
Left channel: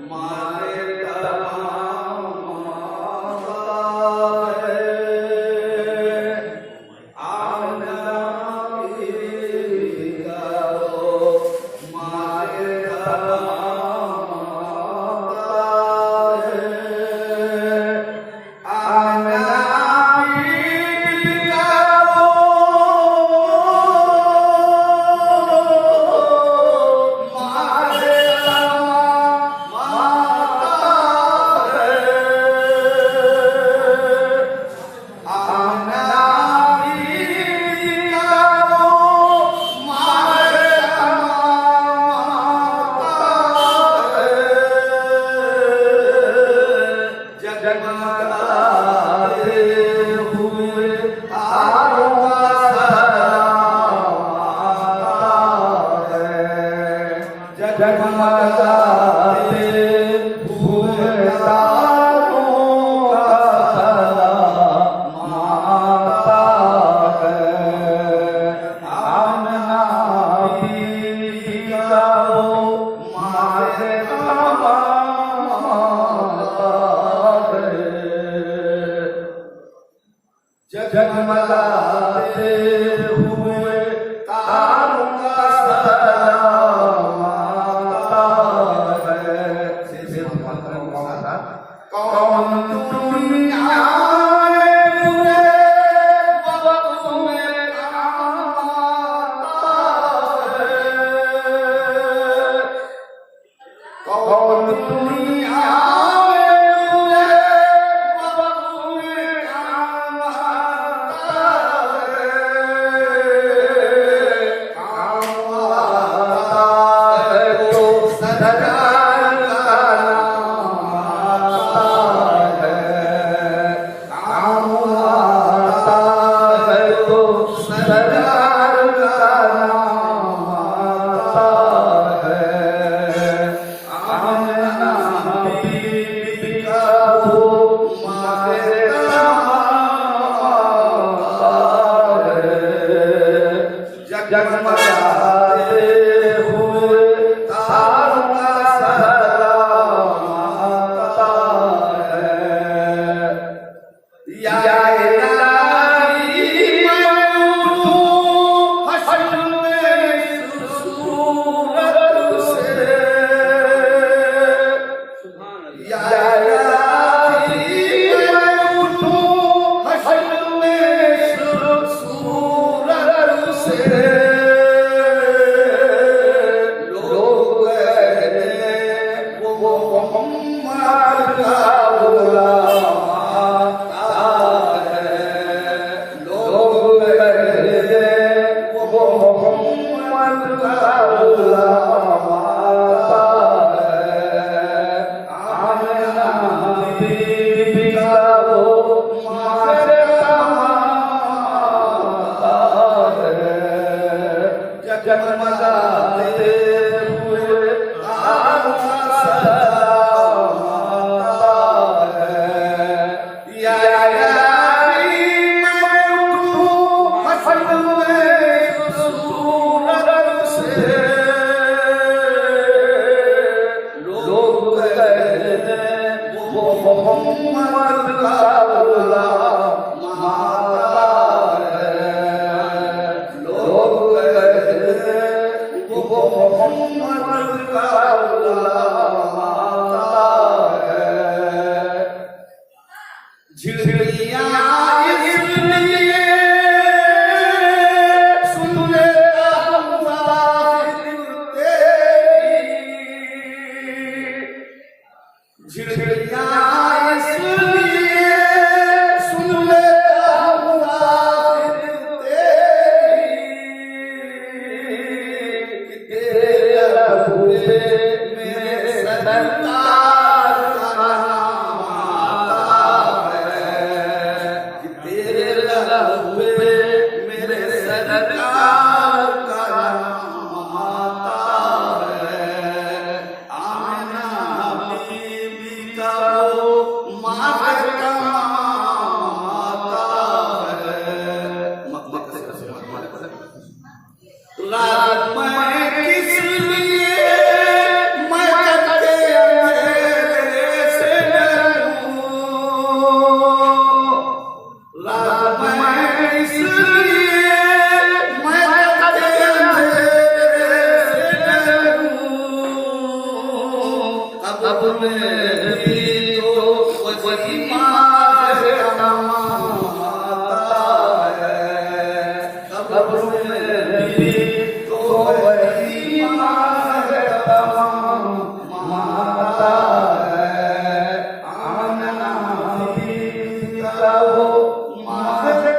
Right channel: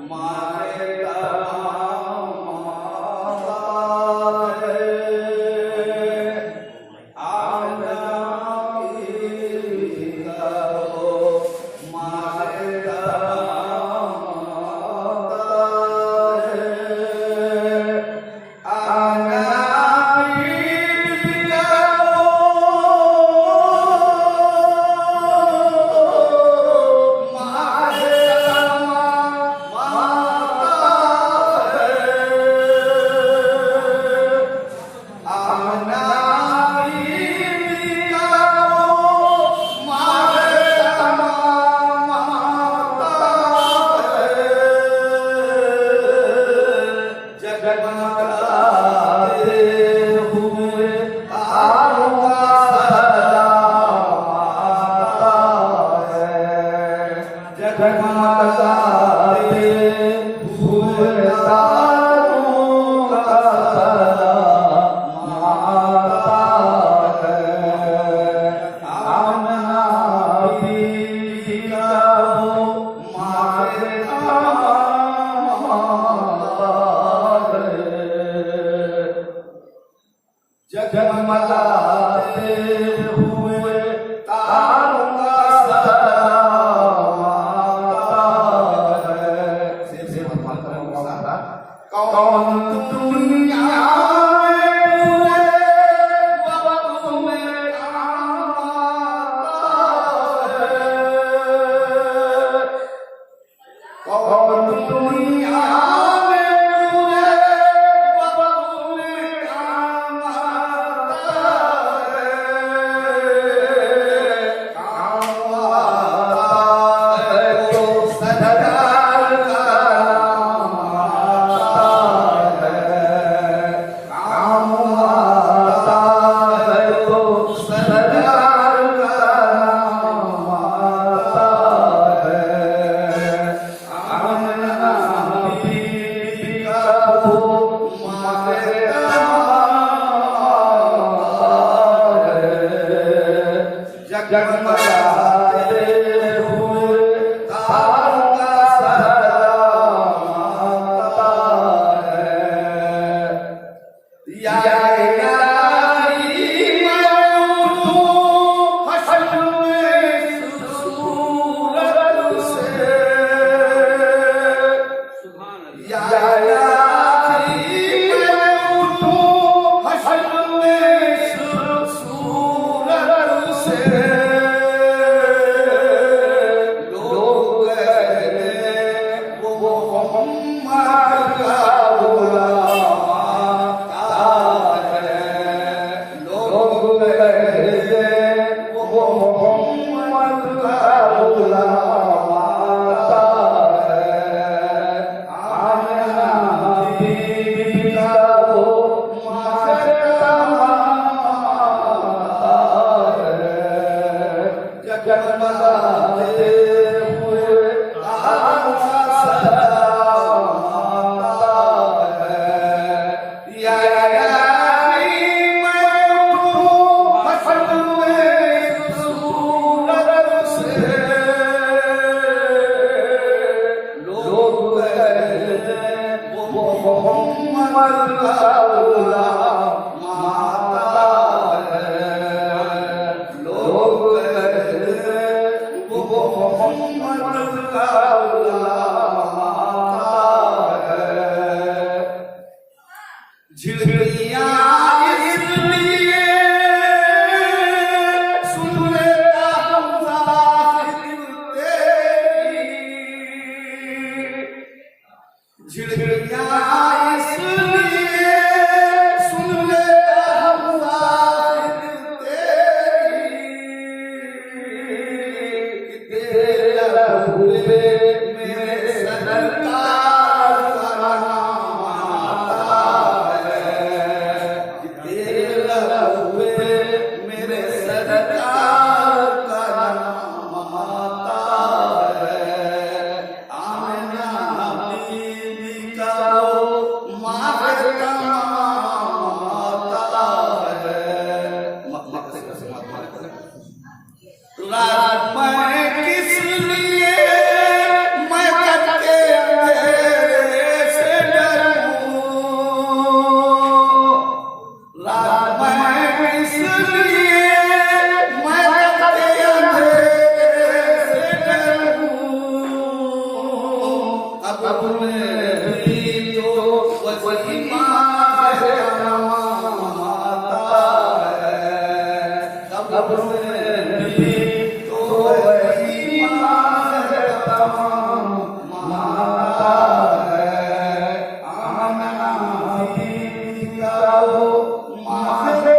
मारे तमाम जगमगाते हुए तारों का सलाम आता है। कौन दुनिया में वक्त में आता है। कौन दुनिया जगमगाते हुए तारों का सलाम आता है। या इलाही मैं उठूं हश्र में सूरत से। या इलाही मैं उठूं हश्र में सूरत से। जगमगाते हुए तारों का सलाम आता है। या इलाही मैं उठूं हश्र में सूरत से। लोग कहते वो मोहम्मद का गुलाम आता है। लोग वो मोहम्मद का गुलाम आता है। झिड़ियाँ इसलिए सुन ले मुसाफिर तेरी। झिड़ियाँ इसलिए सुन ले मुसाफिर तेरी। तेरे लहू पे मेरे सरकार का नाम आता है। तेरे लहू पे मेरे सरकार का नाम आता है। आमिना बीबी का वो माँ का नाम आता है। रात में किस लिए मैं तेरे अंधेरे से डरूं। रात में किस लिए मैं तेरे अंधेरे से डरूं। अब में भी तो वही माँ से आता है। अब में भी वही माँ से माता है। आमिना बीबी का वो माँ से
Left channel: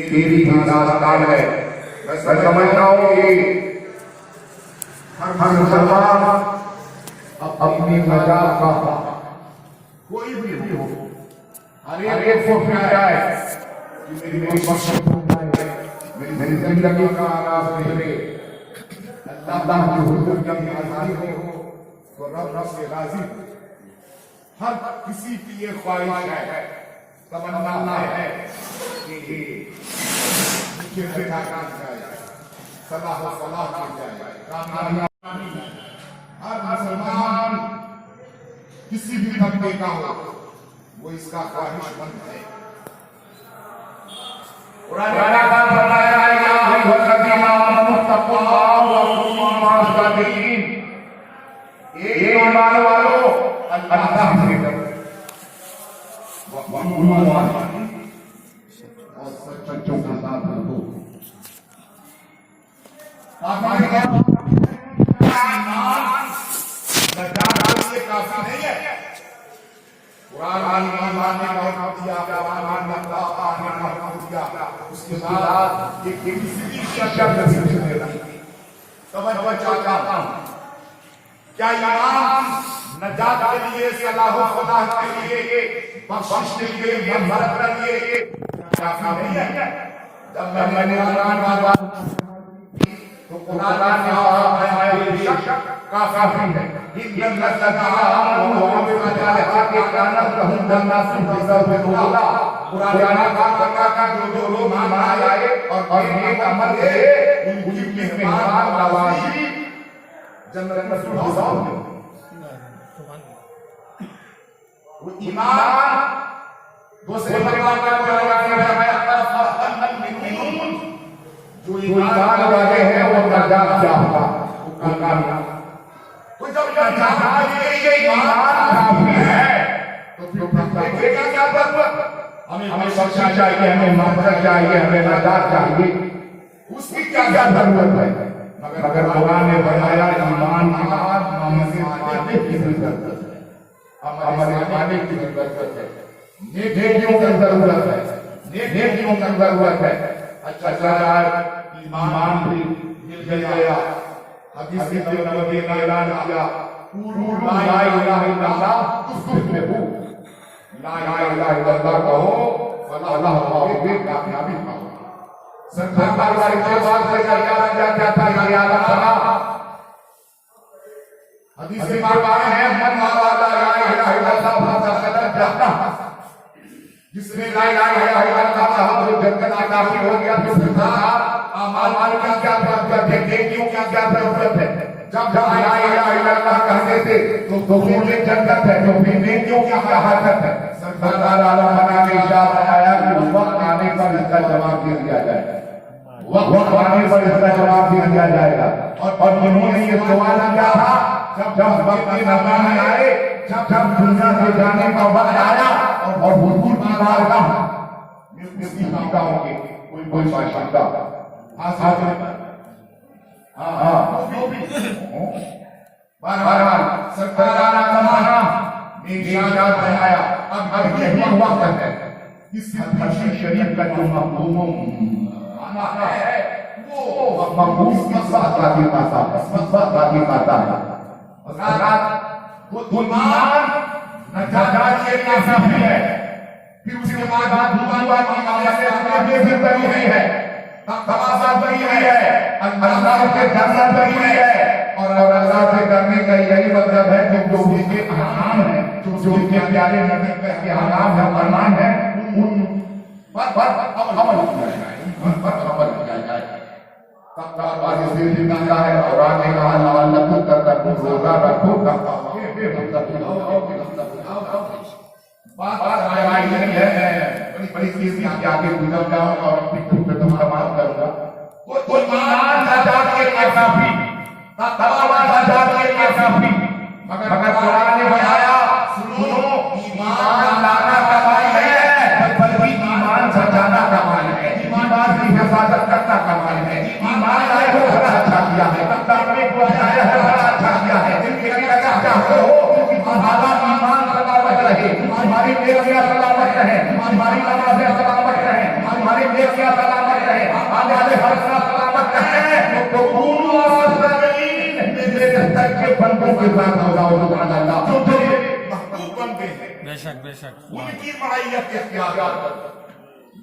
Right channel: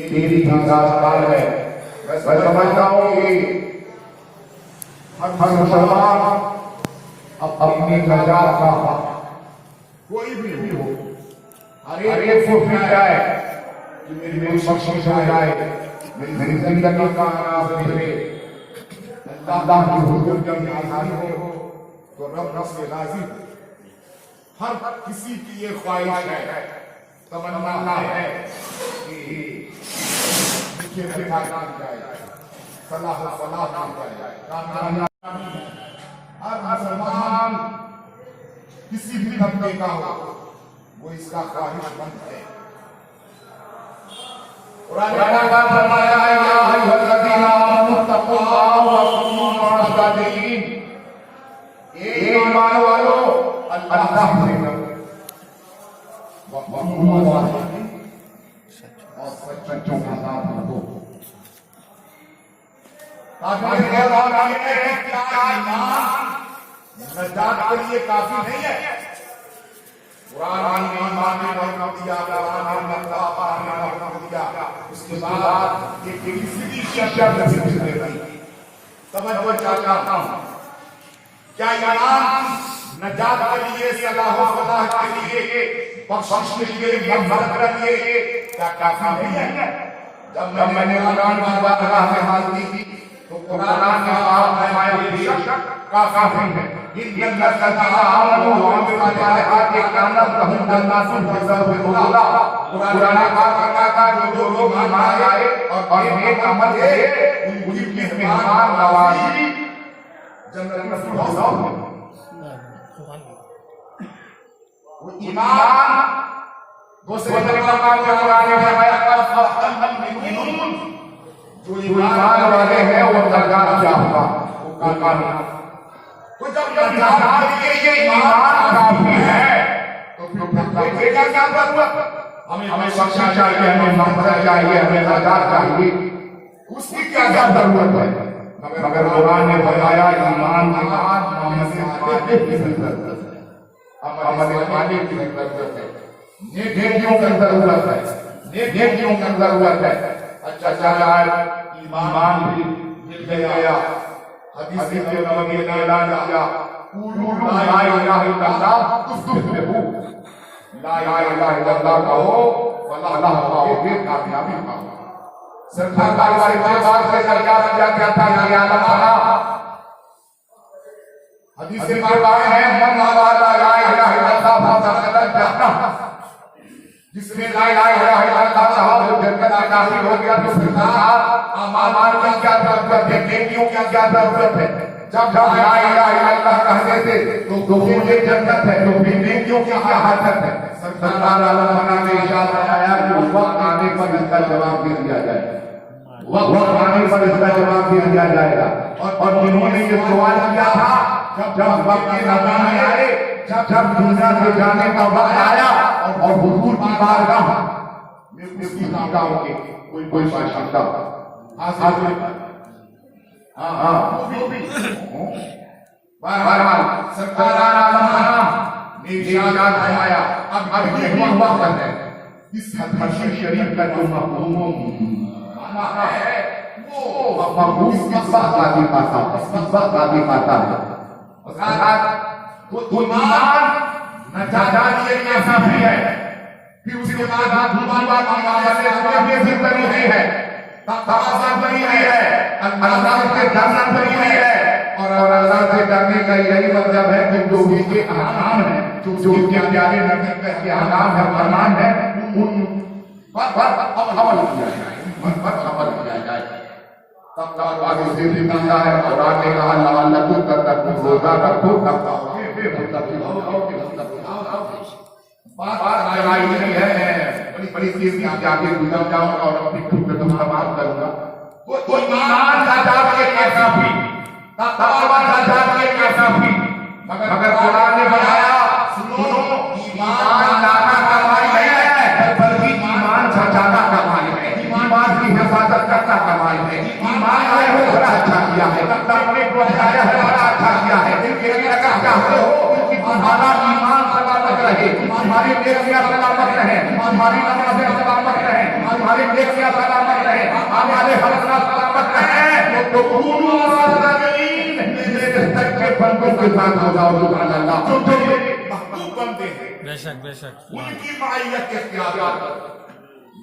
तेरी दास्तान है। मैं समझता हूँ कि हर मुसलमान अपनी नजात का कोई भी हो हर एक को फिर जाए कि मेरी बख्शिश हो जाए, मेरी जिंदगी का आगाज मेरे अल्लाह की हुजूर जब आजादी हो तो रब से राजी हर किसी की ये ख्वाहिश है तमन्ना है कि मुझे बेटा काम जाए सलाह फलाह की जाए कामयाबी हर मुसलमान किसी भी तबके का हो वो इसका ख्वाहिशमंद है कुरान का फरमाया है या अय्युहल्लज़ीना आमनू तक़ुल्लाह व कुनू मअस-सादिक़ीन ये ईमान वालों अल्लाह से डरो और सच्चों का साथ रखो काफी नहीं है उसके बाद समझ चाहता हूँ क्या ईमान नजात के लिए सलाह फलाह के लिए बख्शिश के लिए मग़फ़िरत के लिए क्या काफी नहीं है जब मैंने कुरान की बारगाह से हाल की तो कुरान में आया बेशक काफी है कुरान का जो लोग ईमान आए और नेक अमल किए उनकी मेहमान नवाजी जन्नत में फिरदौस में वो ईमान दूसरे प्रकार का जो ईमान वाले हैं वो नजात चाहता तो जब नजात के लिए ईमान काफी है तो फिर देखा क्या जरूरत हमें बख्शा चाहिए हमें माफी चाहिए हमें नजात चाहिए उसकी क्या जरूरत है मगर कुरान ने बताया ईमान के बाद अमल की जरूरत है नेकियों की जरूरत है नेकियों की जरूरत है अच्छा ईमान भी मिल गया हदीस नबवी ने ऐलान किया कुलू ला इलाहा इल्लल्लाह तुफ्लिहू ला इलाहा इल्लल्लाह कहो अल्लाह पाओगे कामयाबी पाओगे सरकार के बाद से क्या था ये आलम बना हदीस में है मन वाला ला इलाहा इल्लल्लाह फदखल जन्नह जिसने ला इलाहा इल्लल्लाह कहा वो जन्नत का दाखिल हो गया तो सरकार अमाल की क्या जरूरत है नेकियों की क्या जरूरत है जब ला इलाहा इल्लल्लाह कहते थे तो फिर ये जन्नत है तो फिर नेकियों की क्या हालत है सरकार आलम ने इरशाद आया कि वक्त आने पर इसका जवाब दे दिया जाएगा वक्त आने पर इसका जवाब दे दिया जाएगा और उन्होंने ये सवाल किया था जब वक्त नज़र आए जब दुनिया से जाने का वक्त आया और हुजूर की बारगाह में उसकी शंका होगी कोई शंका सरकार आया अब ये हुआ है इस हदीस शरीफ का जो मफ़हूम माना है वो मफ़हूम किस बात आता है वो ईमान नजात के लिए काफी है फिर उसके बाद दुआ की वजह से हमें भी बनी हुई है तक़वा बनी हुई है अल्लाह के जन्नत बनी हुई है और अल्लाह से करने का यही मतलब है कि जो उनके अहकाम है जो उनके प्यारे नबी के अहकाम है फरमान है उन पर अमल किया जाए तब आगे से जिंदा है और आगे कहा लअल्लकुम तत्तक़ून रोजा रखो बात लगाई नहीं है बड़ी चीज की आगे गुजर जाऊंगा और अपनी खुद पे बात करूंगा वो ईमान नजात के लिए काफी तक़वा नजात के लिए काफी मगर कुरान ने बताया सुनो ईमान लाना कमाई नहीं है बल्कि ईमान बचाना कमाई है ईमान की हिफाजत करना कमाई है ईमान ने बड़ा अच्छा किया है तक़वा ने बड़ा अच्छा किया है दिल के लगा चाहते हो कि तुम्हारा ईमान सलामत रहे तुम्हारी नेकियां सलामत रहे तुम्हारी नमाज़ें सलामत रहे तुम्हारी नेकियां सलामत रहे आने वाले हर सलामत रहे तो कुनू मअस-सादिक़ीन मेरे तक के बंदों के साथ हो जाओ सुभान अल्लाह जो तेरे महबूब बंदे हैं बेशक बेशक उनकी मायत के इख्तियार पर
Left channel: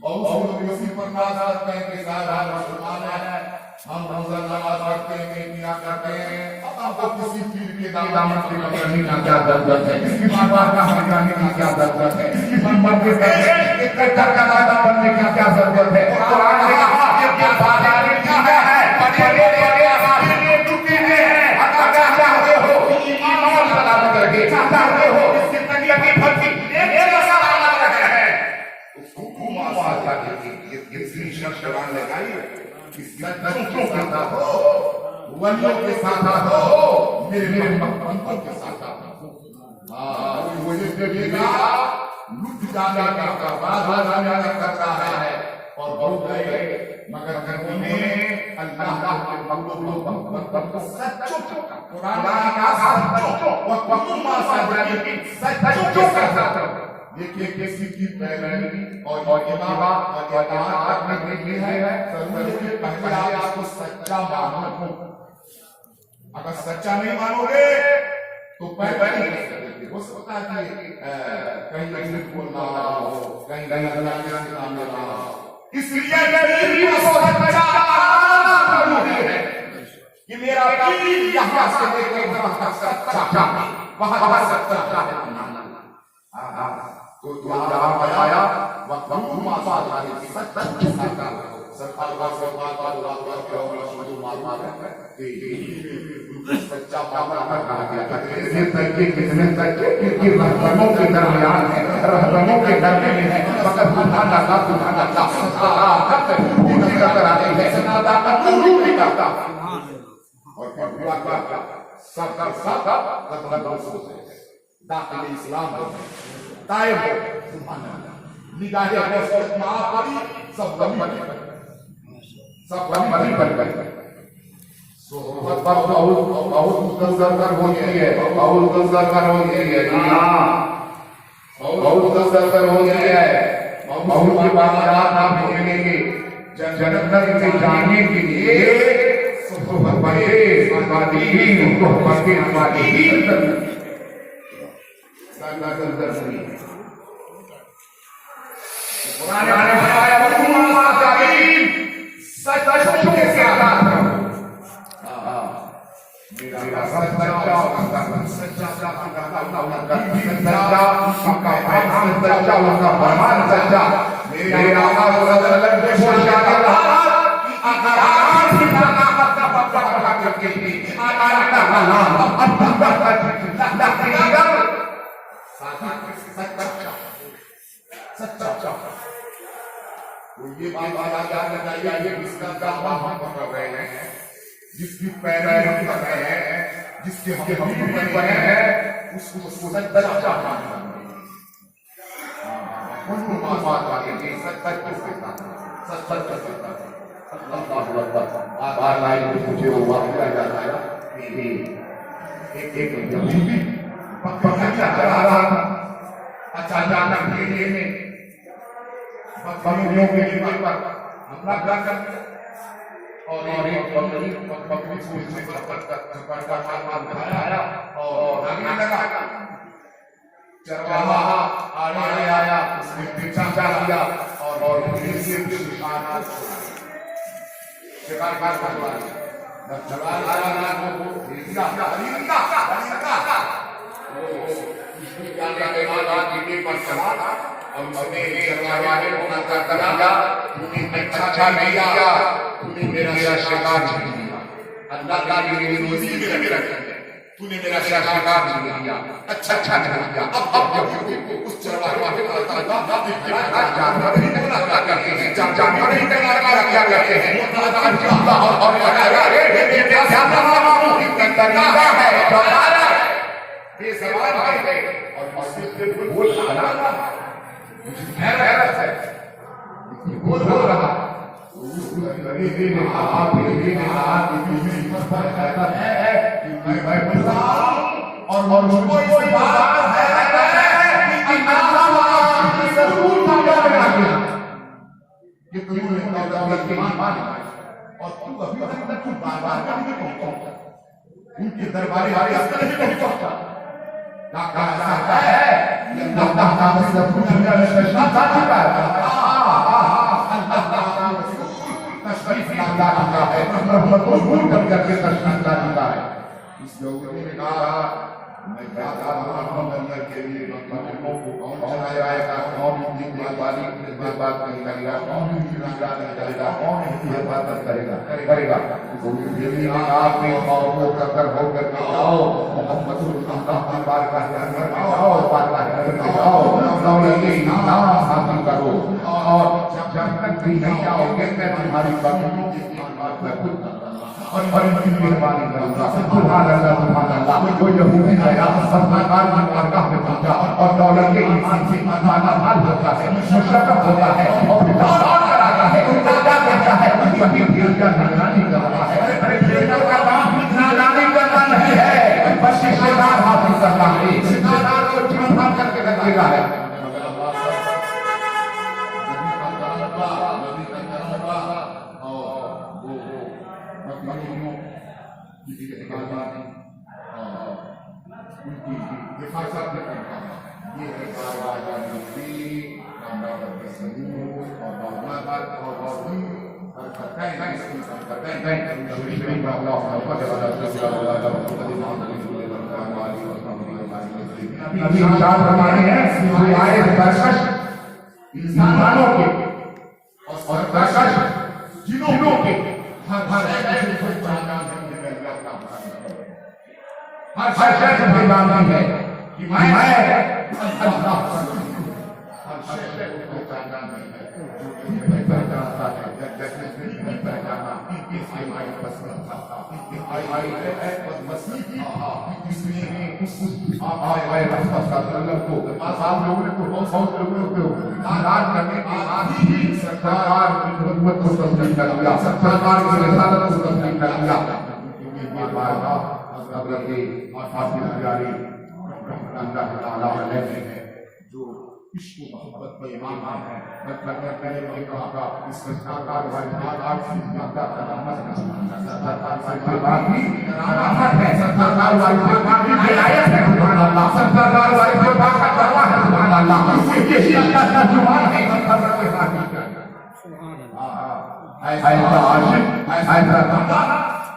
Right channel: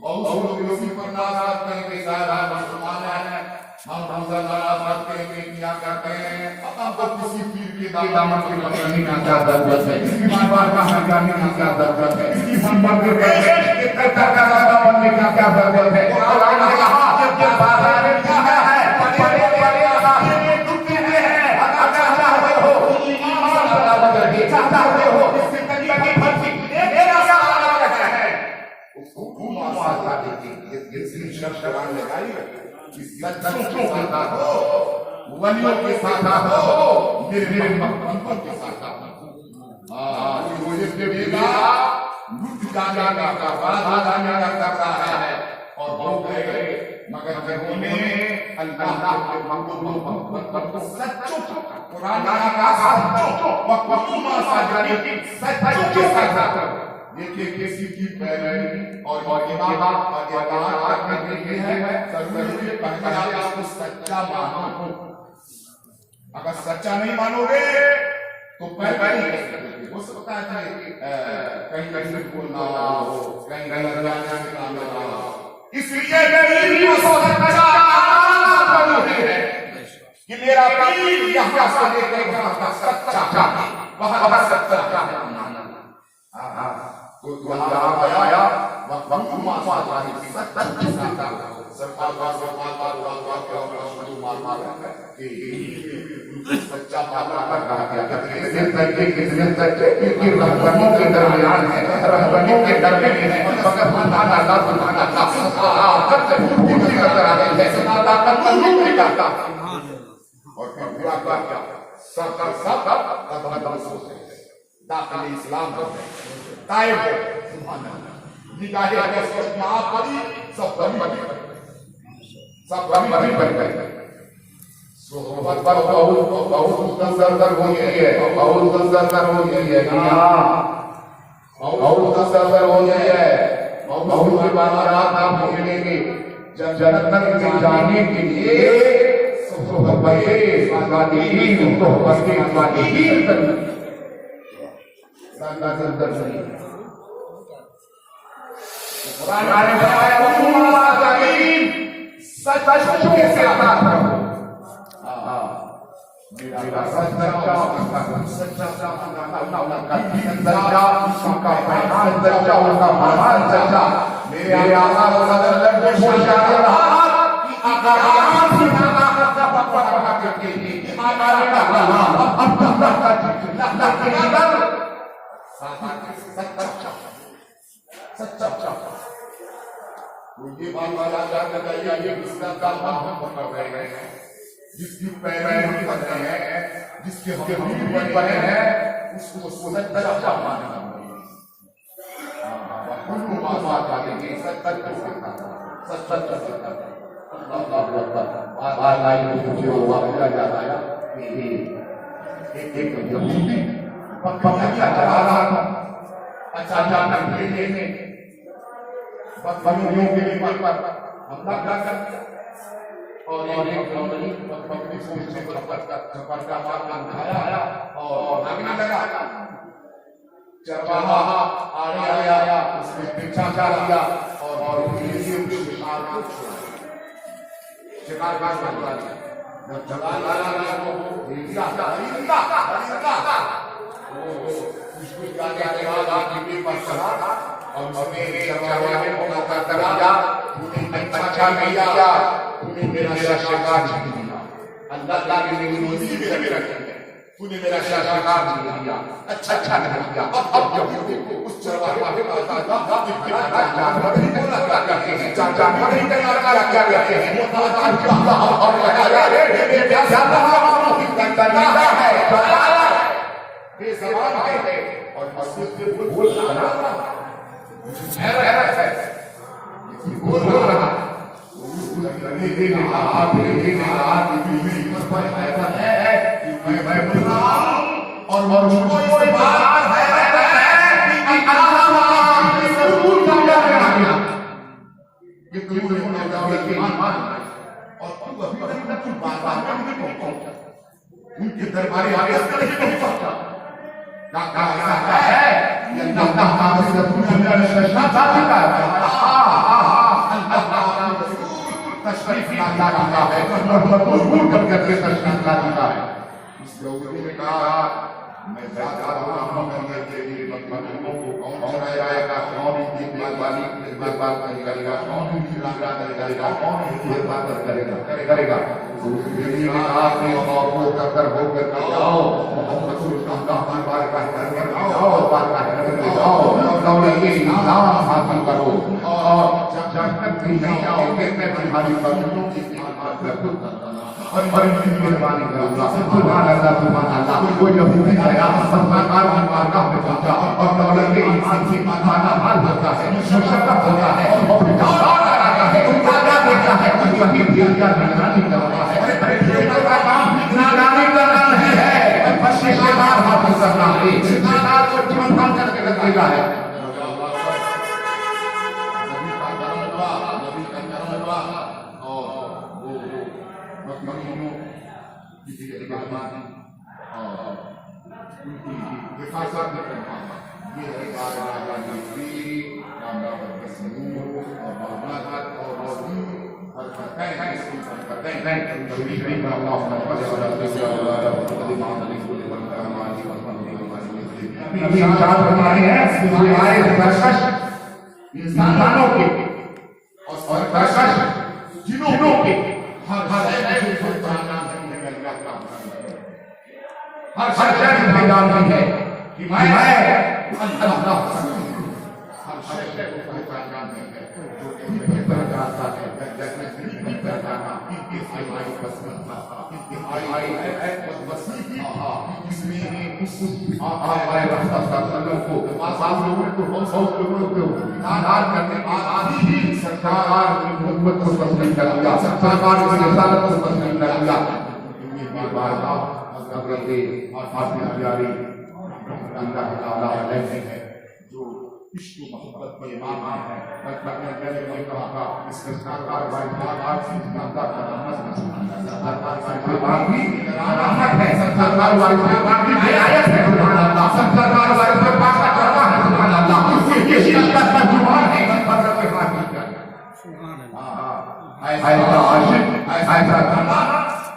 बहुत से लोग इसी पर नाज करते हैं कि साहब मुसलमान हैं, हम रमजान नमाज पढ़ते हैं, क्या करते हैं, आपको किसी पीर के दामन से पकड़ने की क्या जरूरत है, किसी बाबा का हटाने की क्या जरूरत है, किसी मर्द के इकट्ठा कराता बनने की क्या जरूरत है। कुरान ने कहा कि क्या बात है, बड़े बड़े आदमी टूटे हैं, अगर चाहते हो ईमान वाला रहे, चाहते हो इसकी तकलीफ फटी मेरा सवाल है हुकूमत आजा ये शर्त कुरान लगाई है कि सच्चों के साथ हो, वलियों के साथ हो, मेरे मकसद के साथ हो। मुझे के बेटा लुट जाने का बाधा जाने का करता है और हो गए मगर गर्मी में अल्लाह के बंदों सच्चों कुरान का सच्चों वक़्फ़ुमा साजानी सच्चों के साथ देखिए किसी की पैरवी और इमाम और इताअत करने के लिए है जरूरी है पहले आपको सच्चा मानो। अगर सच्चा नहीं मानोगे तो पहले ही हो सकता है कि कहीं कहीं बोलना हो, कहीं कहीं ना हो, इसलिए मेरी सच्चा है कि मेरा पीर यहाँ से लेकर वहाँ सच्चा वहाँ सच्चा है। तो यहाँ बताया वक़्फ़ुमा साजानी सच्चा सच्चा के रहबरों के दरमियान है, रहबरों के दरमियान है, फकत बुझाना ना बुझाना और पूरा क्या सब दाखिल इस्लाम हो दायम हो निगाहें हमें सब ना पड़ी सब गमी बन गई। बहुत दर्दर हो गई है, बहुत दर्दर हो गई है, बहुत दर्दर हो गई है, बहुत के बाद रात आप मिलेंगे जन्नत में जाने के लिए ये बात याद रखिए, जिसका काम हम पकड़ रहे हैं, जिसकी पैरवी हम कर रहे हैं, जिसके हम बन रहे हैं, उसको सच्चा मानना बकरियों के लिए हमला क्या कर और एक बकरी को इसने झपटका मार खाया और भागने लगा। चरवाहा आड़े आया, उसने पीछा किया और फिर शिकार कर दिया। जब जवान आया ना तो भेजिया उसकी क्या पर चला और उसने चरवाहे को नकार दिया, तूने अच्छा किया, तूने मेरा शिकार छीन लिया, अल्लाह की मेरी रोजी भी रख तूने मेरा शिकार छीन लिया, अच्छा किया। अब उस चरवाहे को जानवर ही बोला क्या कहते हैं, जानवर ही क्या कहते हैं, अल्लाह और ये क्या तरीका है बेज़बान है और इससे बोल रहा है बोल रहा और मुझको कोई बात है कि तू और तू अभी तक तू बात नहीं पहुंचा, उनके दरबारी नहीं पहुंच सकता। ऐसा है मोहब्बत को दूर कर करके तशरीफ ला चुका है। इस यहूदी ने कहा मैं जाता हूँ मरियम के लिए मदीनों को कौन चलाएगा, कौन इतनी मेहरबानी बात करेगा, कौन इतनी बात करेगा, कौन इतनी बात करेगा। तो आपने और वो कर हो कर आओ मोहम्मद रसूलुल्लाह की बात करके आओ और बात करके आओ, अपना ये नाम हासिल करो और जब तक नहीं आओगे मैं तुम्हारी बातों की बात करूंगा और इतनी मेहरबानी करूंगा। सुभान अल्लाह सुभान अल्लाह। वो यहूदी गया सरकार की बारगाह में पहुंचा और दौलत इंसान से माना माल होता है, मुशर्रफ होता है और दावा कराता है, वादा देता है, कभी दिल का निगरानी करता है। ट्रेडर का काम निगरानी करना नहीं है, बस शिकार हासिल करना है। शिकार को जीवन मान करके रखेगा है। हिफाजत ये है आया मिस्री नाम तस्मीर और मामलात और हरकतें हैं, इसकी हरकतें हैं शरीफ में अल्लाह अभी विचार करवाने हैं जो आए दर्शक इंसानों के और दर्शक जिन्हों के हर ऐसे कोई जानना है हर शख्स को जाननी है कि मैं अल्लाह हर शख्स को पहचानना है जो भी कराता है जैसे नहीं करता था इसके लिए पसंद था आई मसीह इसमें उस आए रफ्तार को आसाम लोगों को बहुत लोगों को आधार करने आदि ही सरकार की हुकूमत को तस्लीम कर लिया, सरकार की रिसालत को तस्लीम कर लिया। ये बात हज़रत फातिमा प्यारी अल्लाह ताला अलैहि है जो इश्क व मोहब्बत के इमाम हैं। मैंने कहा इस सरकार सरकार से ज्यादा सरकार सरकार की राहत है, सरकार सरकार की रियायत है। सुभान अल्लाह। सरकार सरकार का जलवा है। सुभान अल्लाह। ये अल्लाह का जुबान है। सरकार के हाथ में सुभान अल्लाह। ऐसा आशिक ऐसा बंदा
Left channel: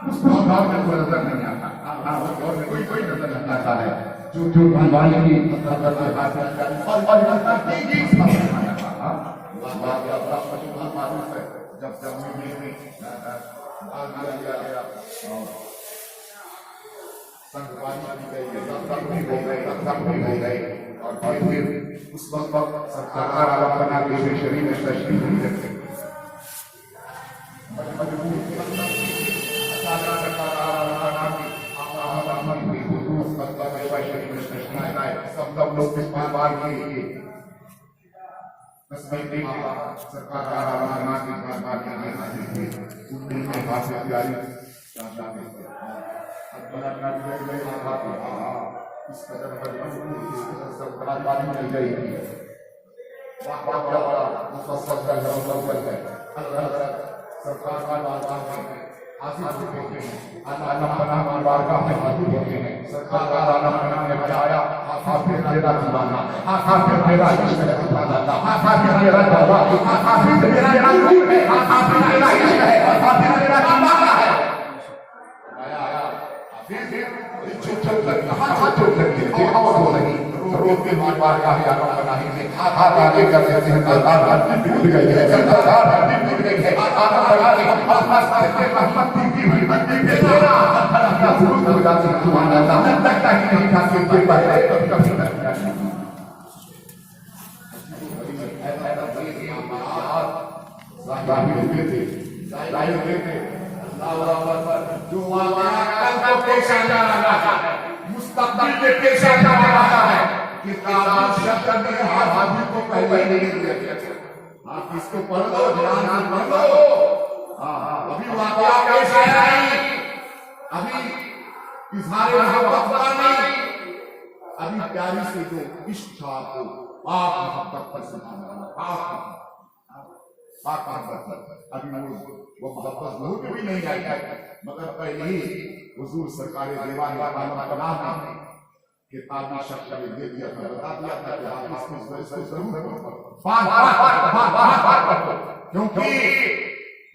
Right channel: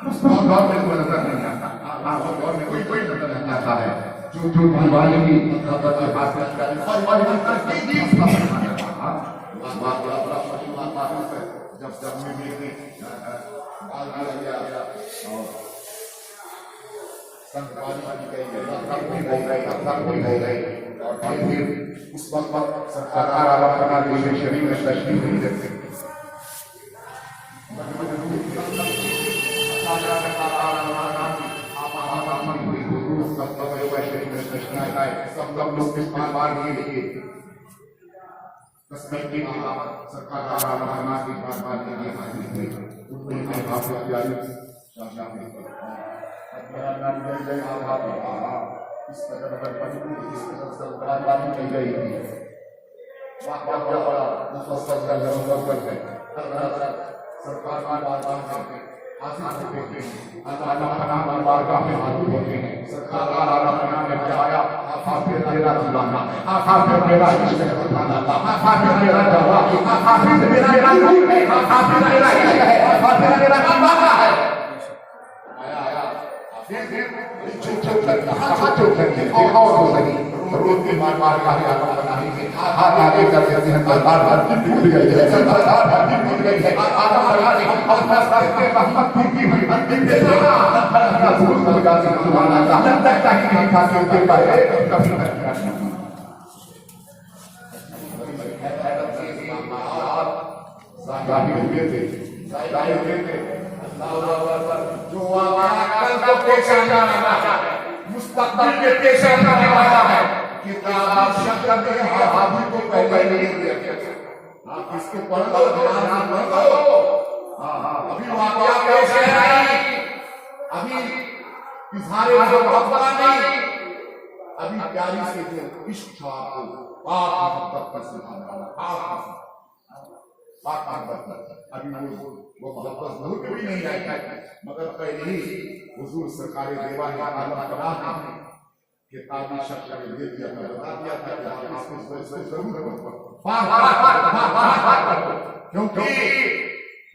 उस दौर में कोई नजर नहीं आता। और कोई नजर नहीं आता है जो दीवाने की नजर से हाथ और जब में और फिर उस वक्त पर सरकार आला बना के शरीर में तशरीफ नहीं रख सकते। सब लोग इस्तेमाल के लिए सरकार प्यारी इस कदर सरकार नहीं गई थी। बड़ा मुफस्सल का है सरकार का बारगाह में हाजिर होते हैं, अल्लाह बारगाह में हाजिर होते हैं। सरकार आला ने बजाया हाफिज मेरा दीवाना, हाफिज मेरा इश्क है। सुभान अल्लाह। हाफिज मेरा दवा, हाफिज मेरा नूर है, हाफिज मेरा इश्क है, हाफिज मेरा दीवाना है। आया हाफिज छोटे दिखाओ तो नहीं रोज के बार का आलम बनाने में हाथ आगे कर देते हैं। सरकार टूट गई है, सरकार टूट गई है। आलम बना के अपना से रहमत की भी बंदी देना या भूल कर जाते हैं। सुभान अल्लाह। लगता है नहीं था कि उनके बारे में कभी नहीं जो कल को पेश आना लगा मुस्तकबिल के पेश आना लगा है कि शब्द के हाजिर को पहले नहीं दिया। आप इसको पढ़ लो, ध्यान से पढ़ लो। अभी वाकया पेश आया नहीं, अभी इजहार मोहब्बत नहीं, अभी प्यारी से जो इश्क था आपको पाक मोहब्बत का सिखाना पाक मोहब्बत अभी वो मोहब्बत भूल भी नहीं जाता, मगर पहले ही हुजूर सरकार देवा का आलम पनाह में किताबी शख्स ने दे दिया था, बता दिया था कि आप इसको जरूर क्योंकि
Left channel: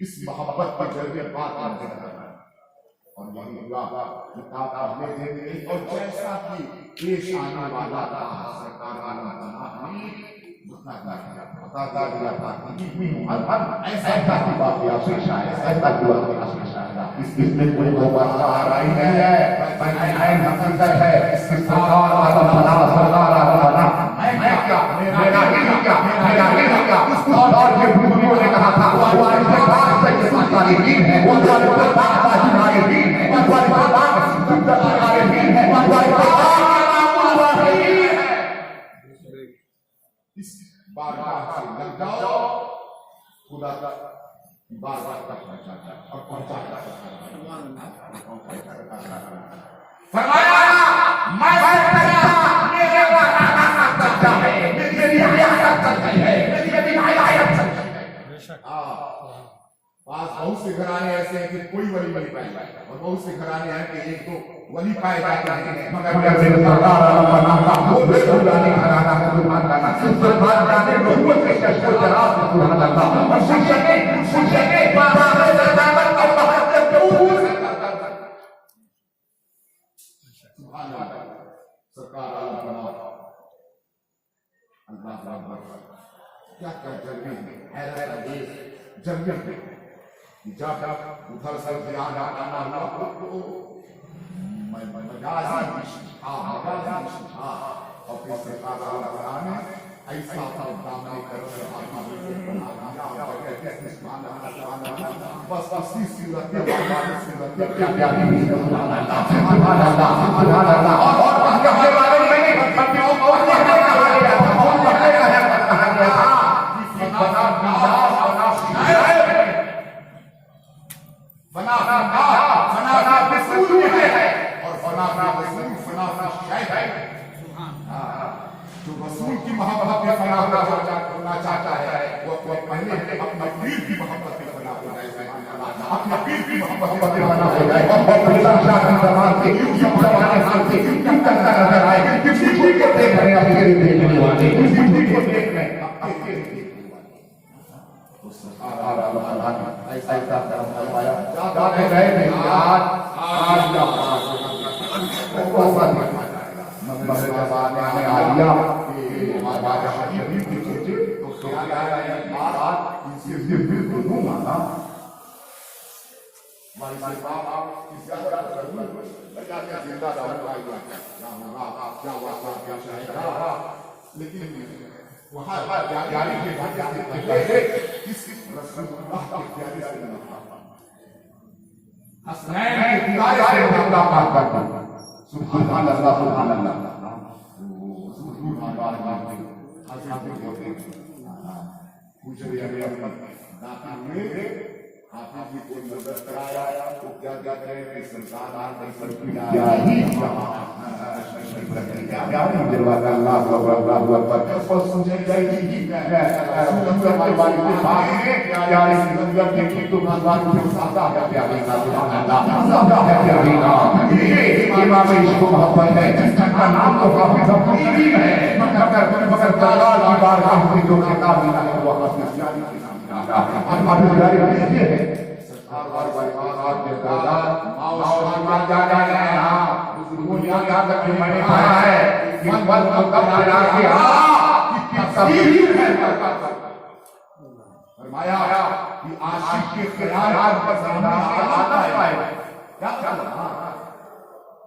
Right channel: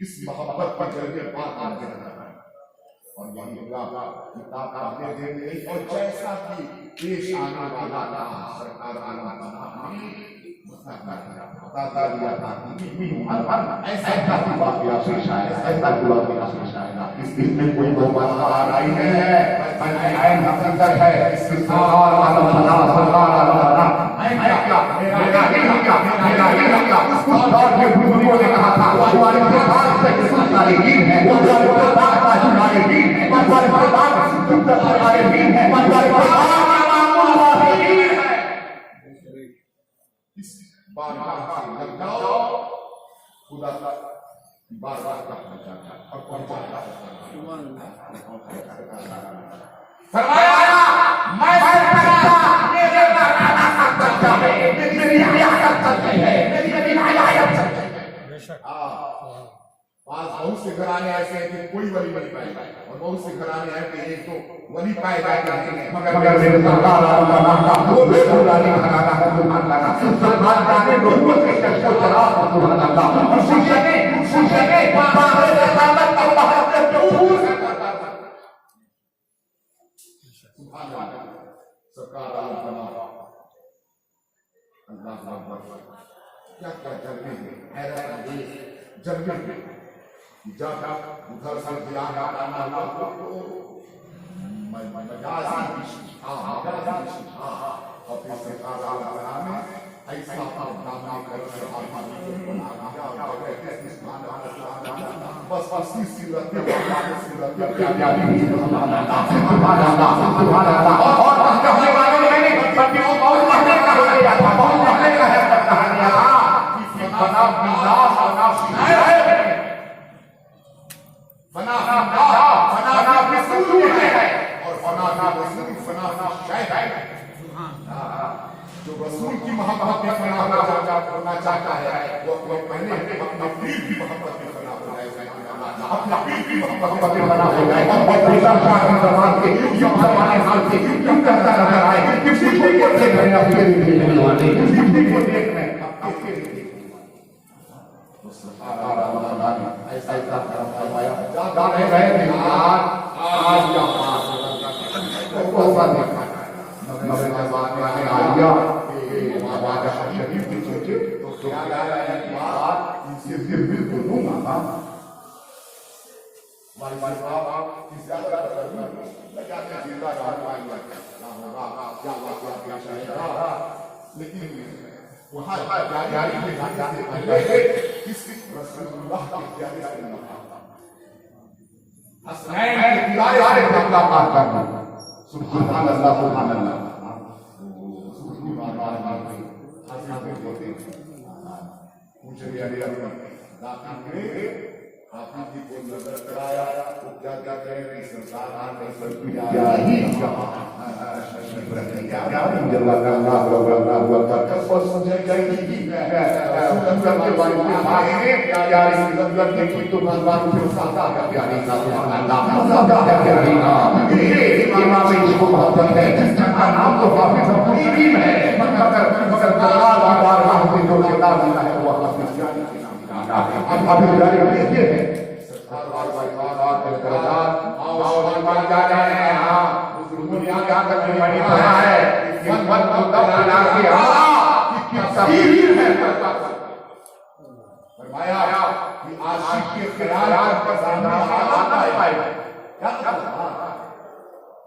इस मोहब्बत के जरिए बात और यही हुआ किताब पढ़ने देंगे और जैसा कि पेश आने वाला था सरकार आलम बताता दिया था ऐसा हुआ कि आशीष आया ऐसा हुआ कि आशीष आएगा इसमें कोई बदलाव आ रही है मैं नकल है इसके साथ मैं क्या मेरा और ये भूमियों ने कहा था इस बारगाह से लग जाओ खुदा की बारगाह तक पहुंचा और पहुंचाया फरमाया मैं मेरे बहुत से घराने ऐसे हैं कि कोई वली नहीं पाएगा और बहुत से घराने हैं कि एक तो वली पाए जाते हैं मगर मेरे सरकार वो बेरोजगारी घराना है सुभान अल्लाह सुभान जाने लोगों के शख्स जरा सुभान अल्लाह सुनने सुभान अल्लाह सरकार आलम कमाल अल्लाह अकबर क्या क्या जल्दी हैरत अंगेज जल्दी जाकर उधर से ध्यान आना हुआ मजाजी और फिर से तारा लगाने ऐसा बातें करो बस इसी सूरत में जो रसूल की मोहब्बत में फना करना चाहता है वो पहले अपने पीर की मोहब्बत में फना हो जाए अपने पीर की मोहब्बत में फना हो जाए और बेटा शाह दरबार के ये परवाने हाल के क्यों करता रहा है किसी को देख रहे हैं अपने भेजने वाले किसी को देख रहे हैं ऐसा फरमाया जा रहे हैं आज या लेकिन वहाँ जारी के सुभान अल्लाह सुभान अल्लाह आपकी कोई नजर कराया तो क्या क्या करें कि संसार क्या ही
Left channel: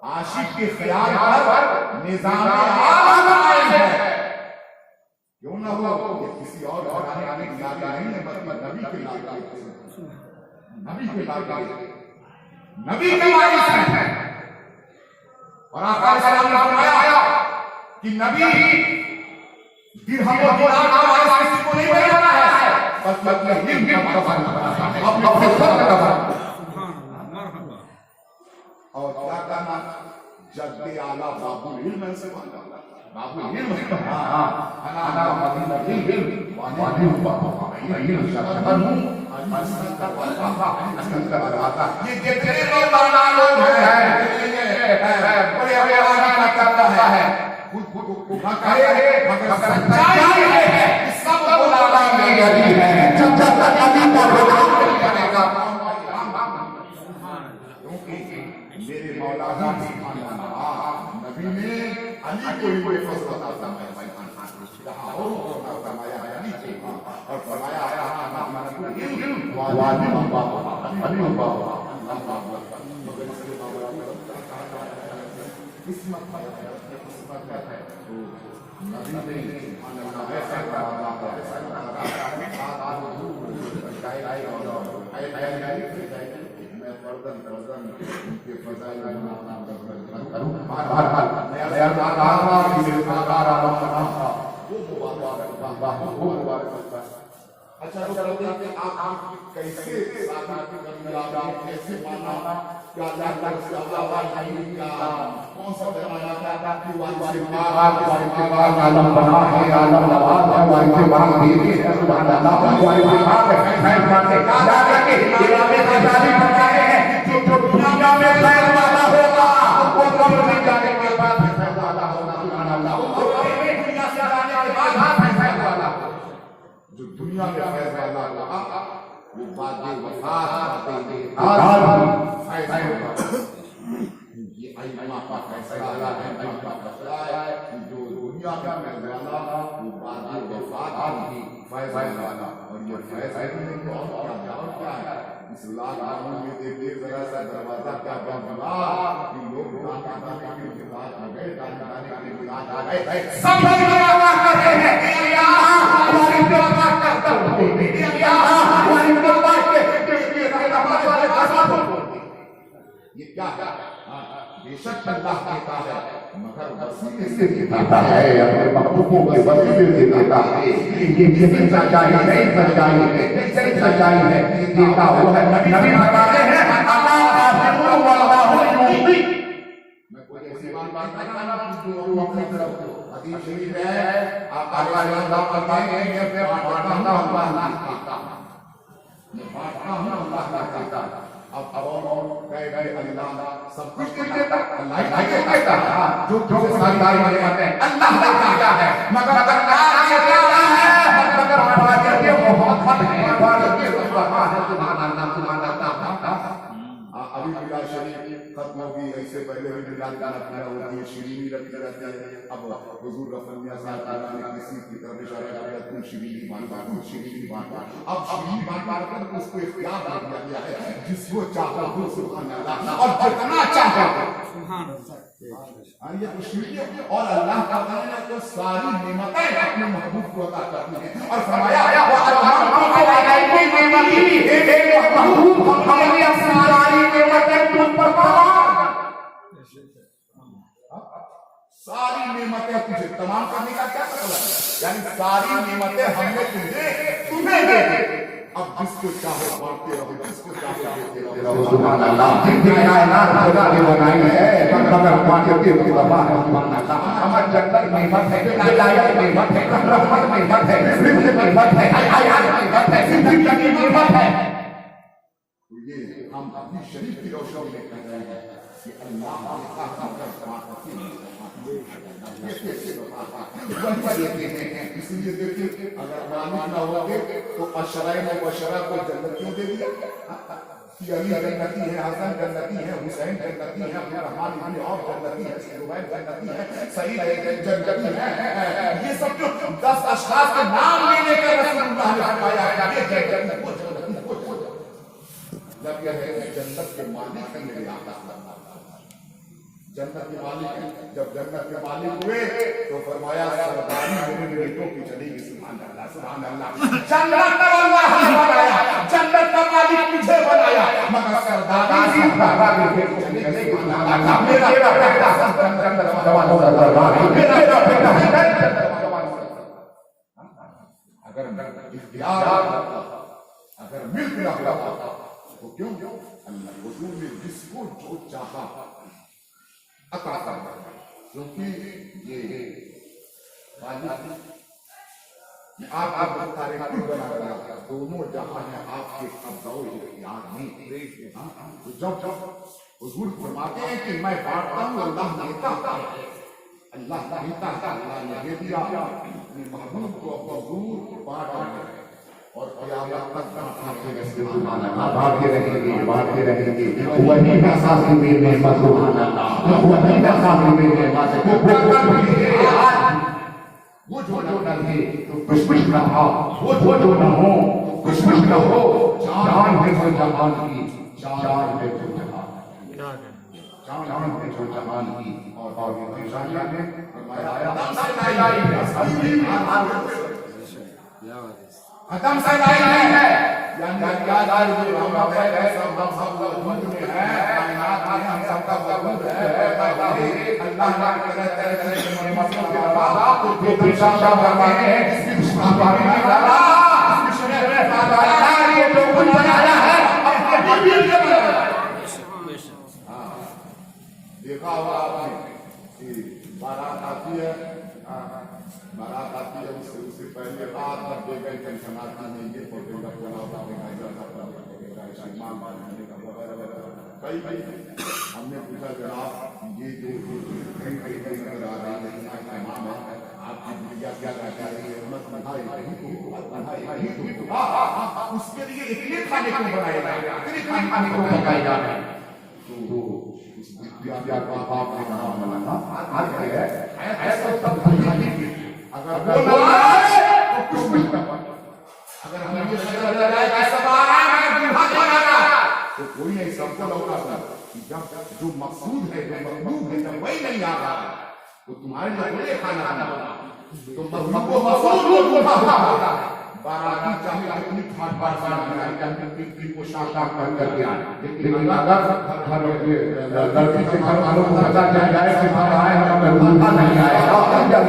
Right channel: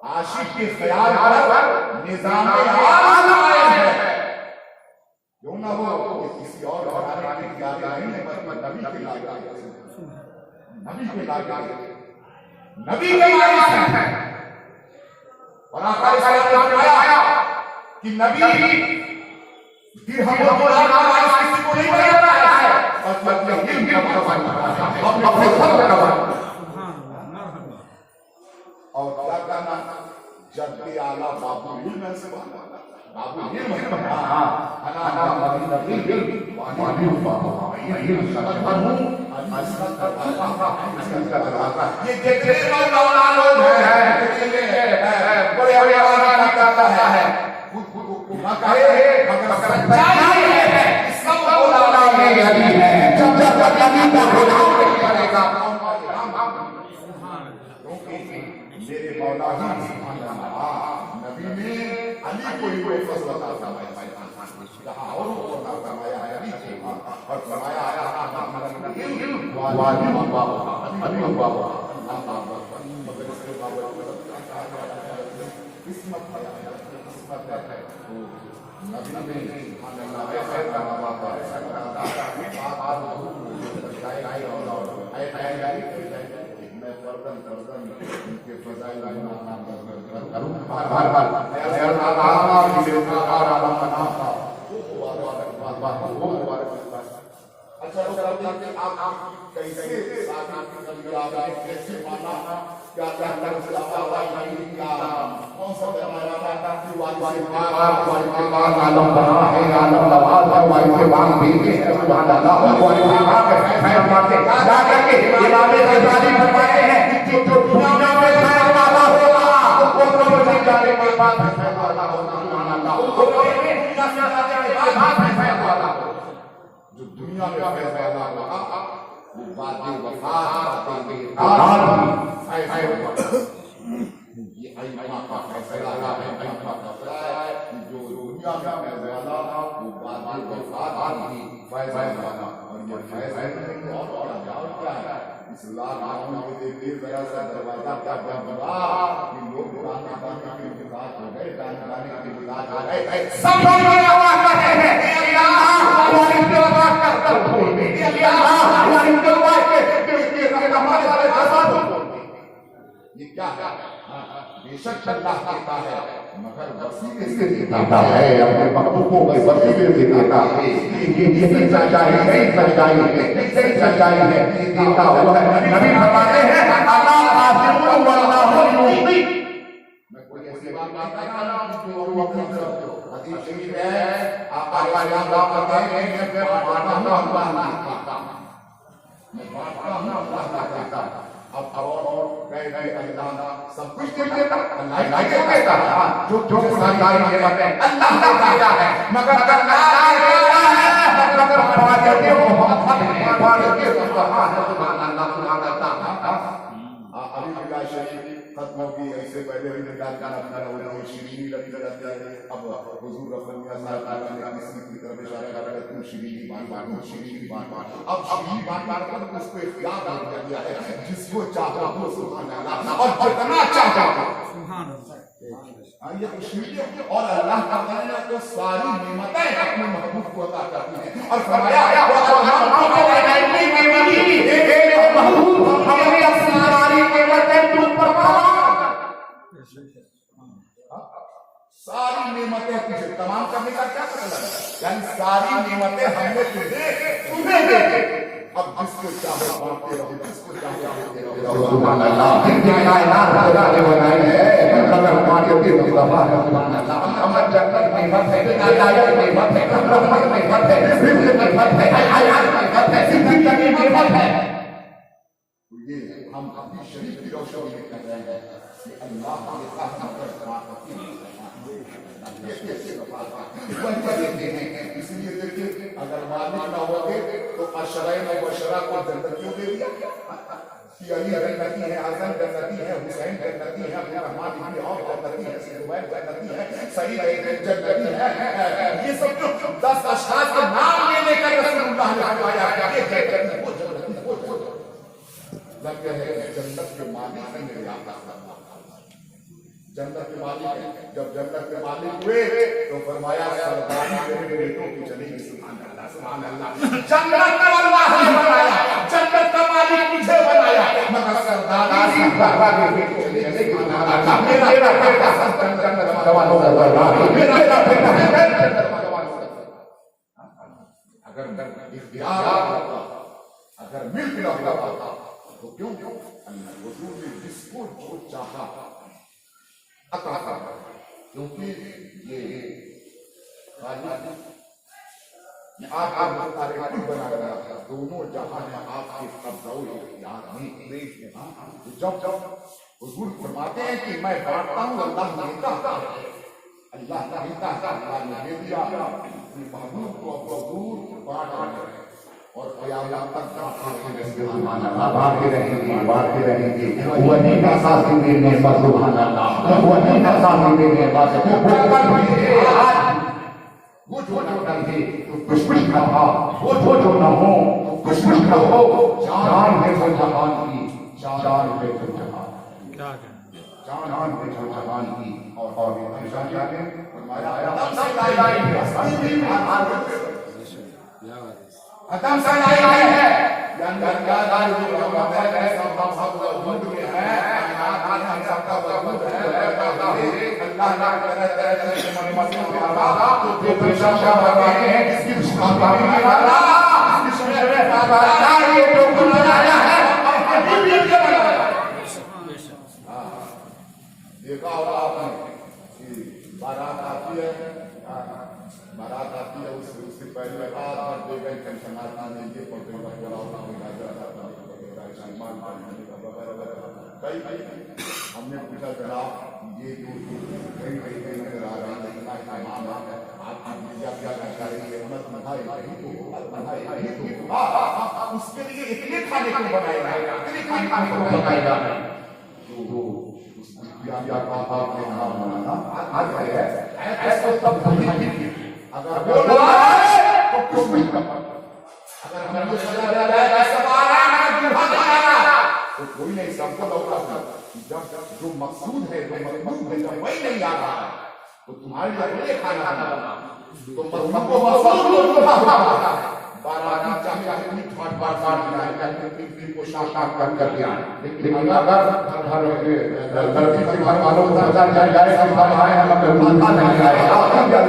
आशिक के ख्याल पर निजाम है क्यों ना हो ये किसी और घराने की यादें नहीं है बल्कि नबी के नबी के वारिस हैं और आका सलाम ने फरमाया कि नबी दिरहम और दिनार का वारिस किसी को नहीं बनाना है बल्कि अपने इल्म का वारिस अपने फर्ज का वारिस और क्या कहना जद्दे आला बाबू इल्म से बाबू इल्म अना मदीना इल्म वाली इल्म शरफनु ये जितने मौलाना लोग हैं बड़े बड़े आना करता है कहे मगर सच्चाई है सब मौलाना में यही है जब तक नबी का करेगा मेरे मौला ही सुभान अल्लाह नबी ने अली को ही फजल अता फरमाया और फरमाया अली से और फरमाया वाली अली किस्मत है नबी ने अच्छा आप कैसे कैसे माना क्या कौन सा जमाना था कि आलम बना है आलम नवाज है वाइसे मान देते हैं सुभान अल्लाह वाइसे मान है जाकर के इरादे से शादी करवाए हैं जो दुनिया में खैर वाला होगा वो कब्र में जाने के बाद खैर वाला होगा सुभान अल्लाह वो दुनिया से जाने के बाद खैर वाला जो दुनिया में खैर वाला होगा वो बातें वफात ये अल्लाह का फैसला है अल्लाह का फैसला है जो दुनिया में वाला वो बातें वफात की फैसला वाला और ये फैसले को और क्या है इस्लाम कानून के देर जरा सा दरवाजा क्या बना कि लोग के साथ मगर के साथ आ गए सब लोग बड़ा करते हैं अल्लाह हमारी सेवा करता है अल्लाह हमारी सेवा के हमारे वाले दफा ये क्या है बेशक अल्लाह कहता है मगर वसीले से देता है अपने महबूबों के वसीले से देता है ये सच्चाई है सच्चाई है सच्चाई है देता होगा नबी बताते हैं अल्लाह आसिफुन वल्लाहु युती मैं कोई ऐसी बात नहीं कर रहा हूं जो अपनी तरफ हदीस शरीफ है आका अल्लाह बताते हैं मैं बांटना हुआ मैं बांटना हूं अल्लाह का कहता है अब और गए अल्लाह सब कुछ देता अल्लाह ही देता जो सरकारी में कहते हैं अल्लाह देता है मगर अगर अल्लाह देता है मगर हमारा कहते हो बहुत है बात के सुभान अल्लाह अभी पूरा शरीफ खत्म होगी ऐसे पहले भी निकाल कर रखना होगा ये शिरीनी लगते रहते हैं अब हुजूर रसूलुल्लाह सल्लल्लाहु अलैहि वसल्लम ने किसी की तरफ इशारा कर तुम शिरीनी बात अब शिरीनी बात कर उसको इख्तियार दे दिया है जिसको चाहा वो सुभान अल्लाह और जितना चाहा सुभान अल्लाह ये शिरीनी और अल्लाह ताला ने तो सारी नेमतें अपने महबूब को अता करती हैं और फरमाया महबूब हमारी सारी नेमतें तुम पर सारी नेमतें तुझे तमाम करने का क्या मतलब है यानी सारी नेमतें हमने तुम्हें दे दी अब जिसको चाहे बांटते रहो जिसको चाहे देते रहो सुभान अल्लाह कायनात खुदा ने बनाई है मगर बांटते रहो सुभान अल्लाह हमारे जन्नत में मत है हिदायत में मत है रहमत में मत है रिज़्क़ में मत है हयात में मत है जिंदगी में मत है ये हम अपनी शरीफ की रोशनी में कर रहे हैं कि अल्लाह ने आखिर इसलिए देखिए अगर मालिक ना होगे तो अशराई ने बशरा को जन्नत क्यों दे दिया कि अली जन्नती है हसन जन्नती है हुसैन जन्नती है अबू रहमान इब्न औफ जन्नती है सुबैर जन्नती है सईद जन्नती है ये सब जो 10 अशखास के नाम लेने का रसूलुल्लाह ने फरमाया कि ये जन्नत को जब कहते जन्नत के मालिक है मेरे आका जन्नत के मालिक जब जन्नत के मालिक हुए तो फरमाया सरदारी मेरे बेटों की चलेगी सुभान अल्लाह जन्नत का अल्लाह ने बनाया जन्नत का मालिक मुझे बनाया मगर सरदारी सरदारी बेटों की चलेगी सुभान अल्लाह मेरा बेटा जन्नत वाला सरदार मेरा बेटा जन्नत वाला अगर इख्तियार अगर मिल्क ना होता तो क्यों अल्लाह हुजूर ने जिसको जो चाहा अता करता क्योंकि ये आप बता रहे हैं बना बना दोनों जहां में आपके कब्ज़े इख्तियार में तो जब हुजूर फरमाते हैं कि मैं बांटता हूं अल्लाह देता है अल्लाह देता है अल्लाह ने दे दिया अपने महबूब को हुजूर बांट और क़यामत तक सुभान अल्लाह भागते रहेंगे वही नसासी में नेमत सुभान अल्लाह वही नसासी में नेमत वो जो नहीं तो कुछ ना हो वो जो ना हो तो कुछ ना हो जान है वो जहान की जान है वो जहान जान है वो जहान की और ये निशानियां में खत्म से आई है यादार जो हम है सब लोग में है हम सबका वजूद है अल्लाह ना करे तेरे के मर्जी के अलावा तो प्रशंसा कर रहे हैं इसकी सुभान अल्लाह इसमें अल्लाह ये जो बनाया है हम ये बनाया देखा होगा आपने कि बारात आती है उससे पहले रात भर दे गई टेंशन आती है ये फोटो का बड़ा होता है हमने पूछा जनाब ये जो कहीं नजर आ रही है इतना इमाम है आपकी मीडिया क्या करता है ये उन्नत मधाई उसके लिए इतने खाने को बनाएगा इतने खाने को बनाएगा तो उस विद्या का आपने नाम बनाना आज है ऐसा सब अगर बोला तो क्यों कुछ ना अगर हमें ये नजर आ जाए ऐसा मारा है दूल्हा बनाना तो कोई नहीं सबको लौटा जब जो मकसूद है जो मकसूद है जब वही नहीं आ रहा तो तुम्हारे लिए खाना बना तो मकसूद को बाराती चाहे अपनी बार बनाए करके को शांत कर दिया लेकिन अगर गलती से घर वालों को पता चल जाए कि हम आए हम मेहमान नहीं आए जब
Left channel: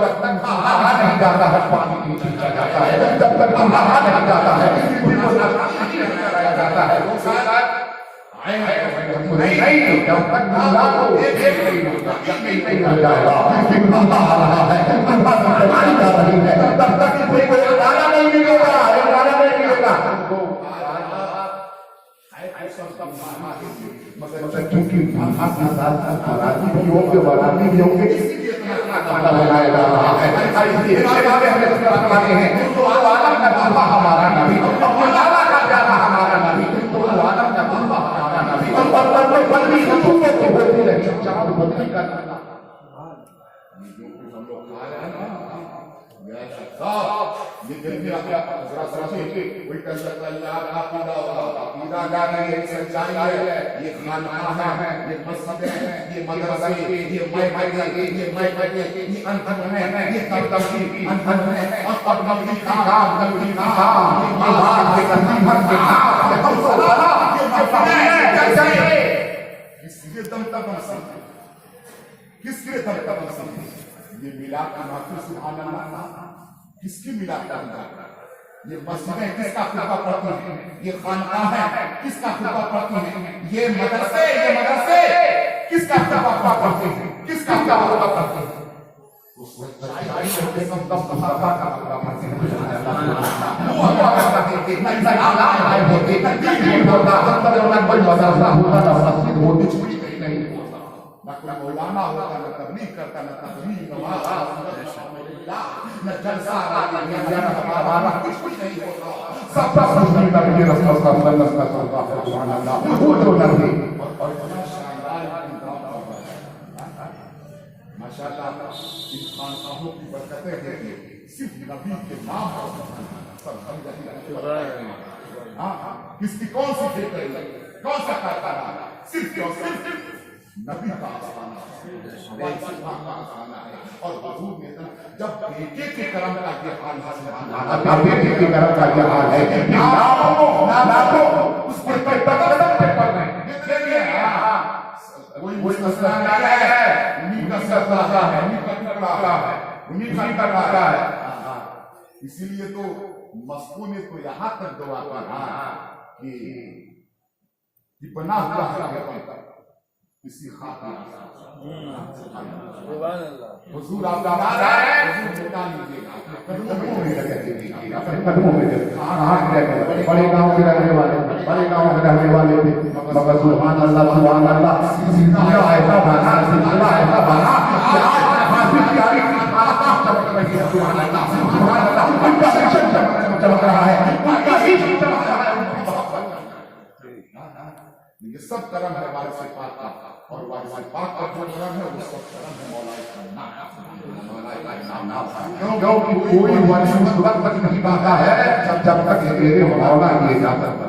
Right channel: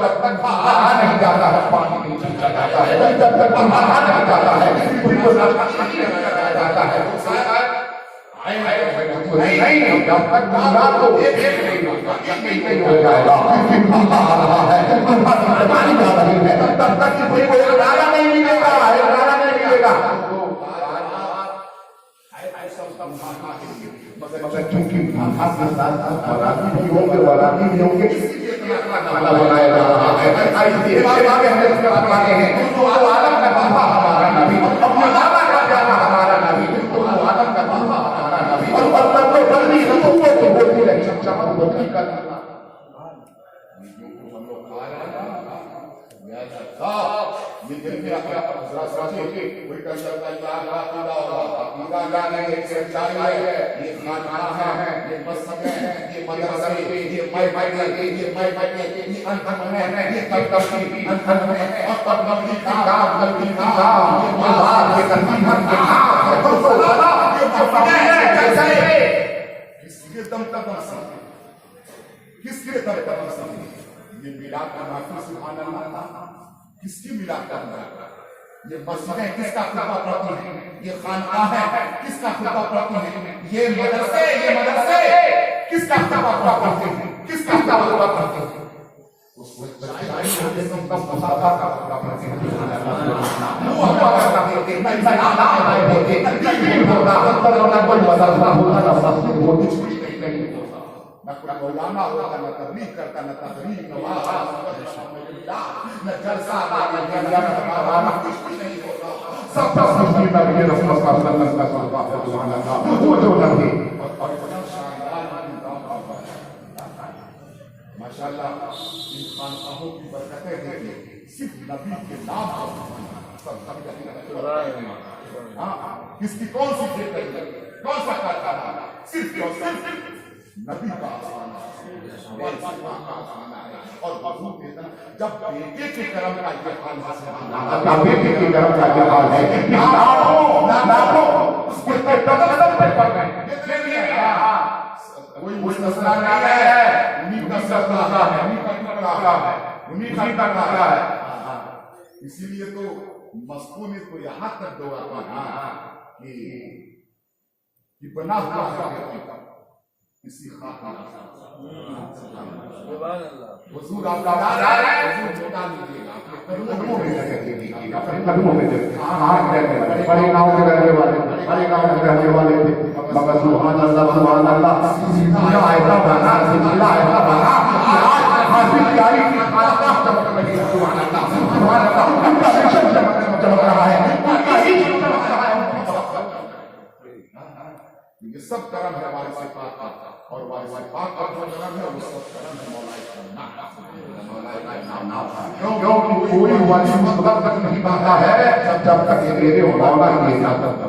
तक खाना नहीं जाता है पानी नहीं जाता है जब तक खाना नहीं जाता है जाता है नहीं जब तक दूल्हा को एक नहीं हो जाएगा आ रहा है तब तक कोई गाना नहीं मिलेगा गाना नहीं मिलेगा मगर चूंकि बराती भी होंगे इसीलिए बनाया जा रहा है तो आदम का बाबा हमारा नबी हमारा नबी आदम का बाबा हमारा नबी बोलती रही बोलती करना ये दुनिया का जरा सोचिए कोई कंजर अल्लाह अकीदा अकीदा नहीं है सच्चाई है ये खाना है ये मस्जिद है ये मदरसे ये माइक ये अंतर है ये तबलीग अंतर है और नबी का काम ये बात के तंजीम है किसके दम तक किसके दम तक ये मिलाद का माफी सुभान अल्लाह किसकी मिलाद का ये मस्जिदें किसका खुतबा पढ़ती हैं ये खानकाह है किसका खुतबा पढ़ती हैं ये मदरसे किसका खुतबा पढ़ते हैं किसका खुतबा पढ़ते हैं उस के संतम सहाबा का खुतबा पढ़ते हैं वो कहता है कि नहीं होगा कोई मदरसा होगा नहीं ना कोई मौलाना होगा न तबलीग करता न तबलीग न जलसा वाला कुछ नहीं होगा सब नबी रसूल सल्लल्लाहु वो जो नबी और बड़ा शानदार इंतजाम माशाअल्लाह इन खानकाहों की बरकतें हैं सिर्फ नबी के नाम सब हम कहते हैं हां किसकी कौन सी फिक्र है कौन सा कारखाना सिर्फ नबी का और वजूद में जब बेटे के कर्म का ये हाल है बेटे के कर्म का ये हाल है ना उसके तकदम पे कर रहे हैं देखिए वही मुस्तान आ रहा है उन्हीं का सत्ता है उन्हीं का टकरा है इसीलिए तो मस्कू ने तो यहाँ तक दुआ कहा कि बना हुआ है किसी खातिर हुजूर आप आ रहे हैं हुजूर बता लीजिएगा अपने कदमों में बड़े गांव के रहने वाले मगर सुभान अल्लाह सीधा आएगा बना सीधा आएगा बना हासिल तैयारी सुभान अल्लाह उनका मिशन चल रहा है उनका ही चल रहा है ये सब कर्म है वारिस पाक का, और वारिस पाक का जो कर्म है वो सब कर्म है मौला का नाम। क्यों कोई वारिस उस वक्त तक नहीं पाता है जब तक ये मेरे मौला ये जाता है।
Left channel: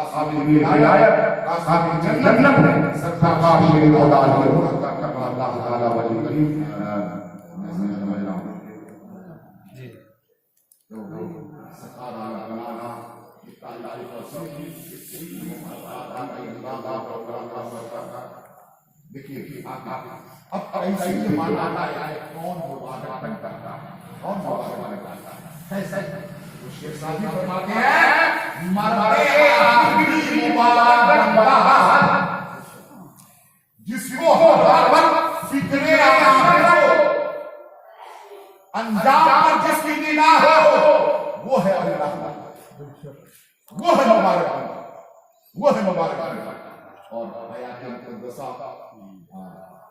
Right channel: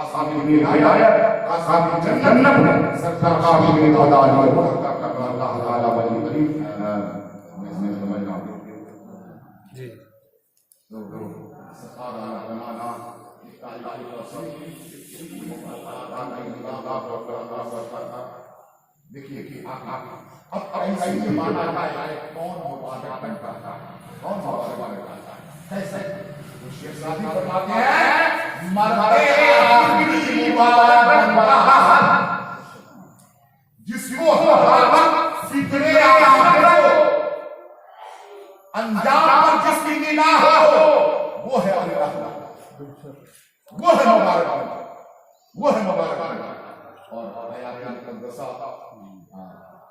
आसामी में हिदायत, आसामी जन्नत है, सरकार मेरे मौला ये मुस्तफा का अल्लाह ताला वली करीम। मैं समझ रहा हूं जी जो सरकार बनाना देखिए अब ऐसे ही माना जाए कौन मुबारक बनता है, कौन मुबारक बनता है, कैसे शेर साहब बताते हैं मरते आखिरी मुबारक बनता जिसको हर वक्त फिक्रे आखिरत हो, अंजाम पर जिसकी निगाह हो, वो है अल्लाह, वो है मुबारक, वो है मुबारक। और हयात मुक़द्दसा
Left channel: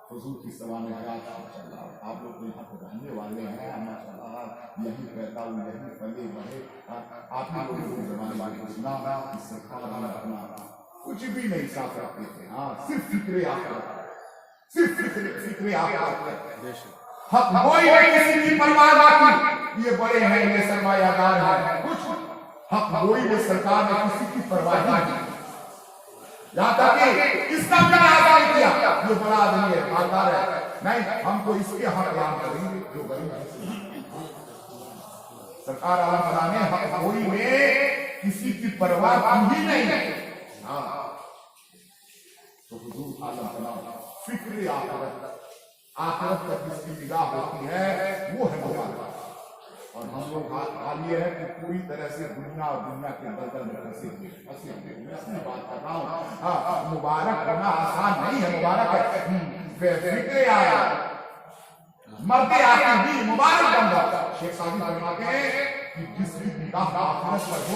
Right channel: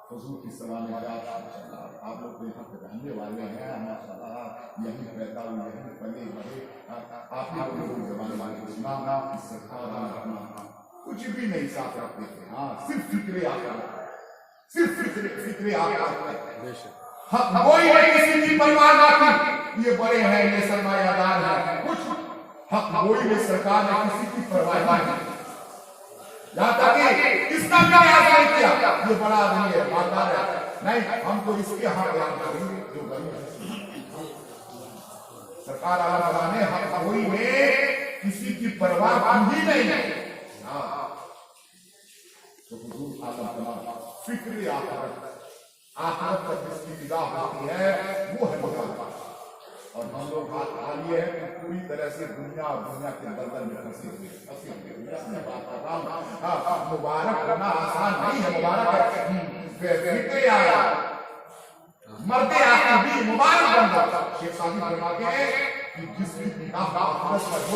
हुजूर की सवाने आप लोग तो यहाँ पे रहने वाले हैं, माशाअल्लाह यही पैदा हुए, यही पले बढ़े, आप ही लोग जमाने में सुना सरकार अपना कुछ भी नहीं साथ रखते थे। हाँ सिर्फ फिक्रे आकर, सिर्फ फिक्रे आकर, हाँ कोई किसी की परवाह ना की, ये बड़े हैं, ये सरमायादार हैं, कुछ हक कोई ने सरकार ने किसी की परवाह नहीं की, यहाँ तक कि इसका क्या नहीं किया, ये बड़ा आदमी है, मालदार है, नहीं हमको इसके यहाँ ध्यान करेंगे जो गरीब है। सरकार आला ने हक कोई में किसी की परवाह की ही नहीं। तो हुजूर आलम फिक्र आखिरत पर जिसकी निगाह होती है वो है मुबारक। और हम लोग हाल ये है कि पूरी तरह से दुनिया और दुनिया के दलदल में फंसे हुए मैं अपनी बात कर रहा हूँ। मुबारक करना आसान नहीं है, मुबारक फिक्रे आया मरते आके भी मुबारक बन जाता। शेख साहब फरमाते हैं कि जिसकी निगाह आखिरत पर हो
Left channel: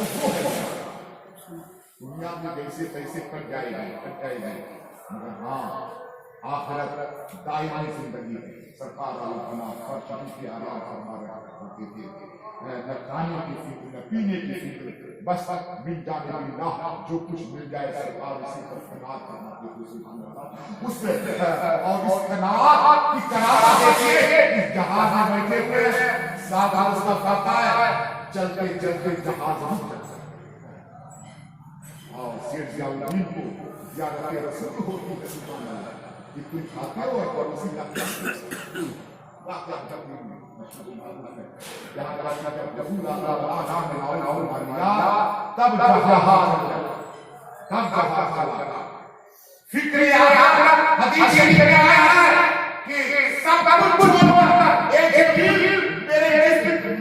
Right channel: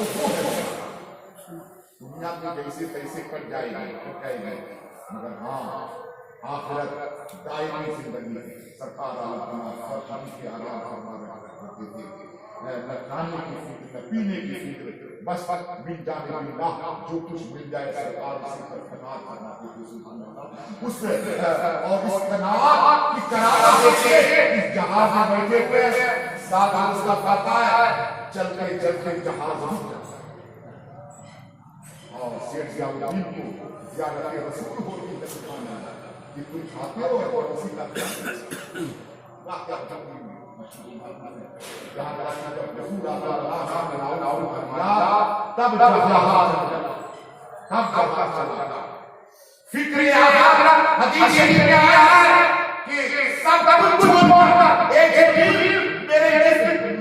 दुनिया में जैसे तैसे कट जाएगी, मगर हाँ आखिरत दायमी जिंदगी है। सरकार के आराम फरमा करते थे, खाने की फिक्र न पीने की फिक्र, बस मिल जाने बिल्लाह जो कुछ मिल जाए सरकार उसी पर कनात करना उससे। और इस कनात की कनात देखिए, इस जहाज में बैठे हुए साथ उसका पता है चलते चलते जहाज रुक जाता है। और शेख जाऊद्दीन को ज़ियारत रसूल को कि तुम खाते हो और उसी का तब फिक्र हदीस शरीफ में आया है कि सब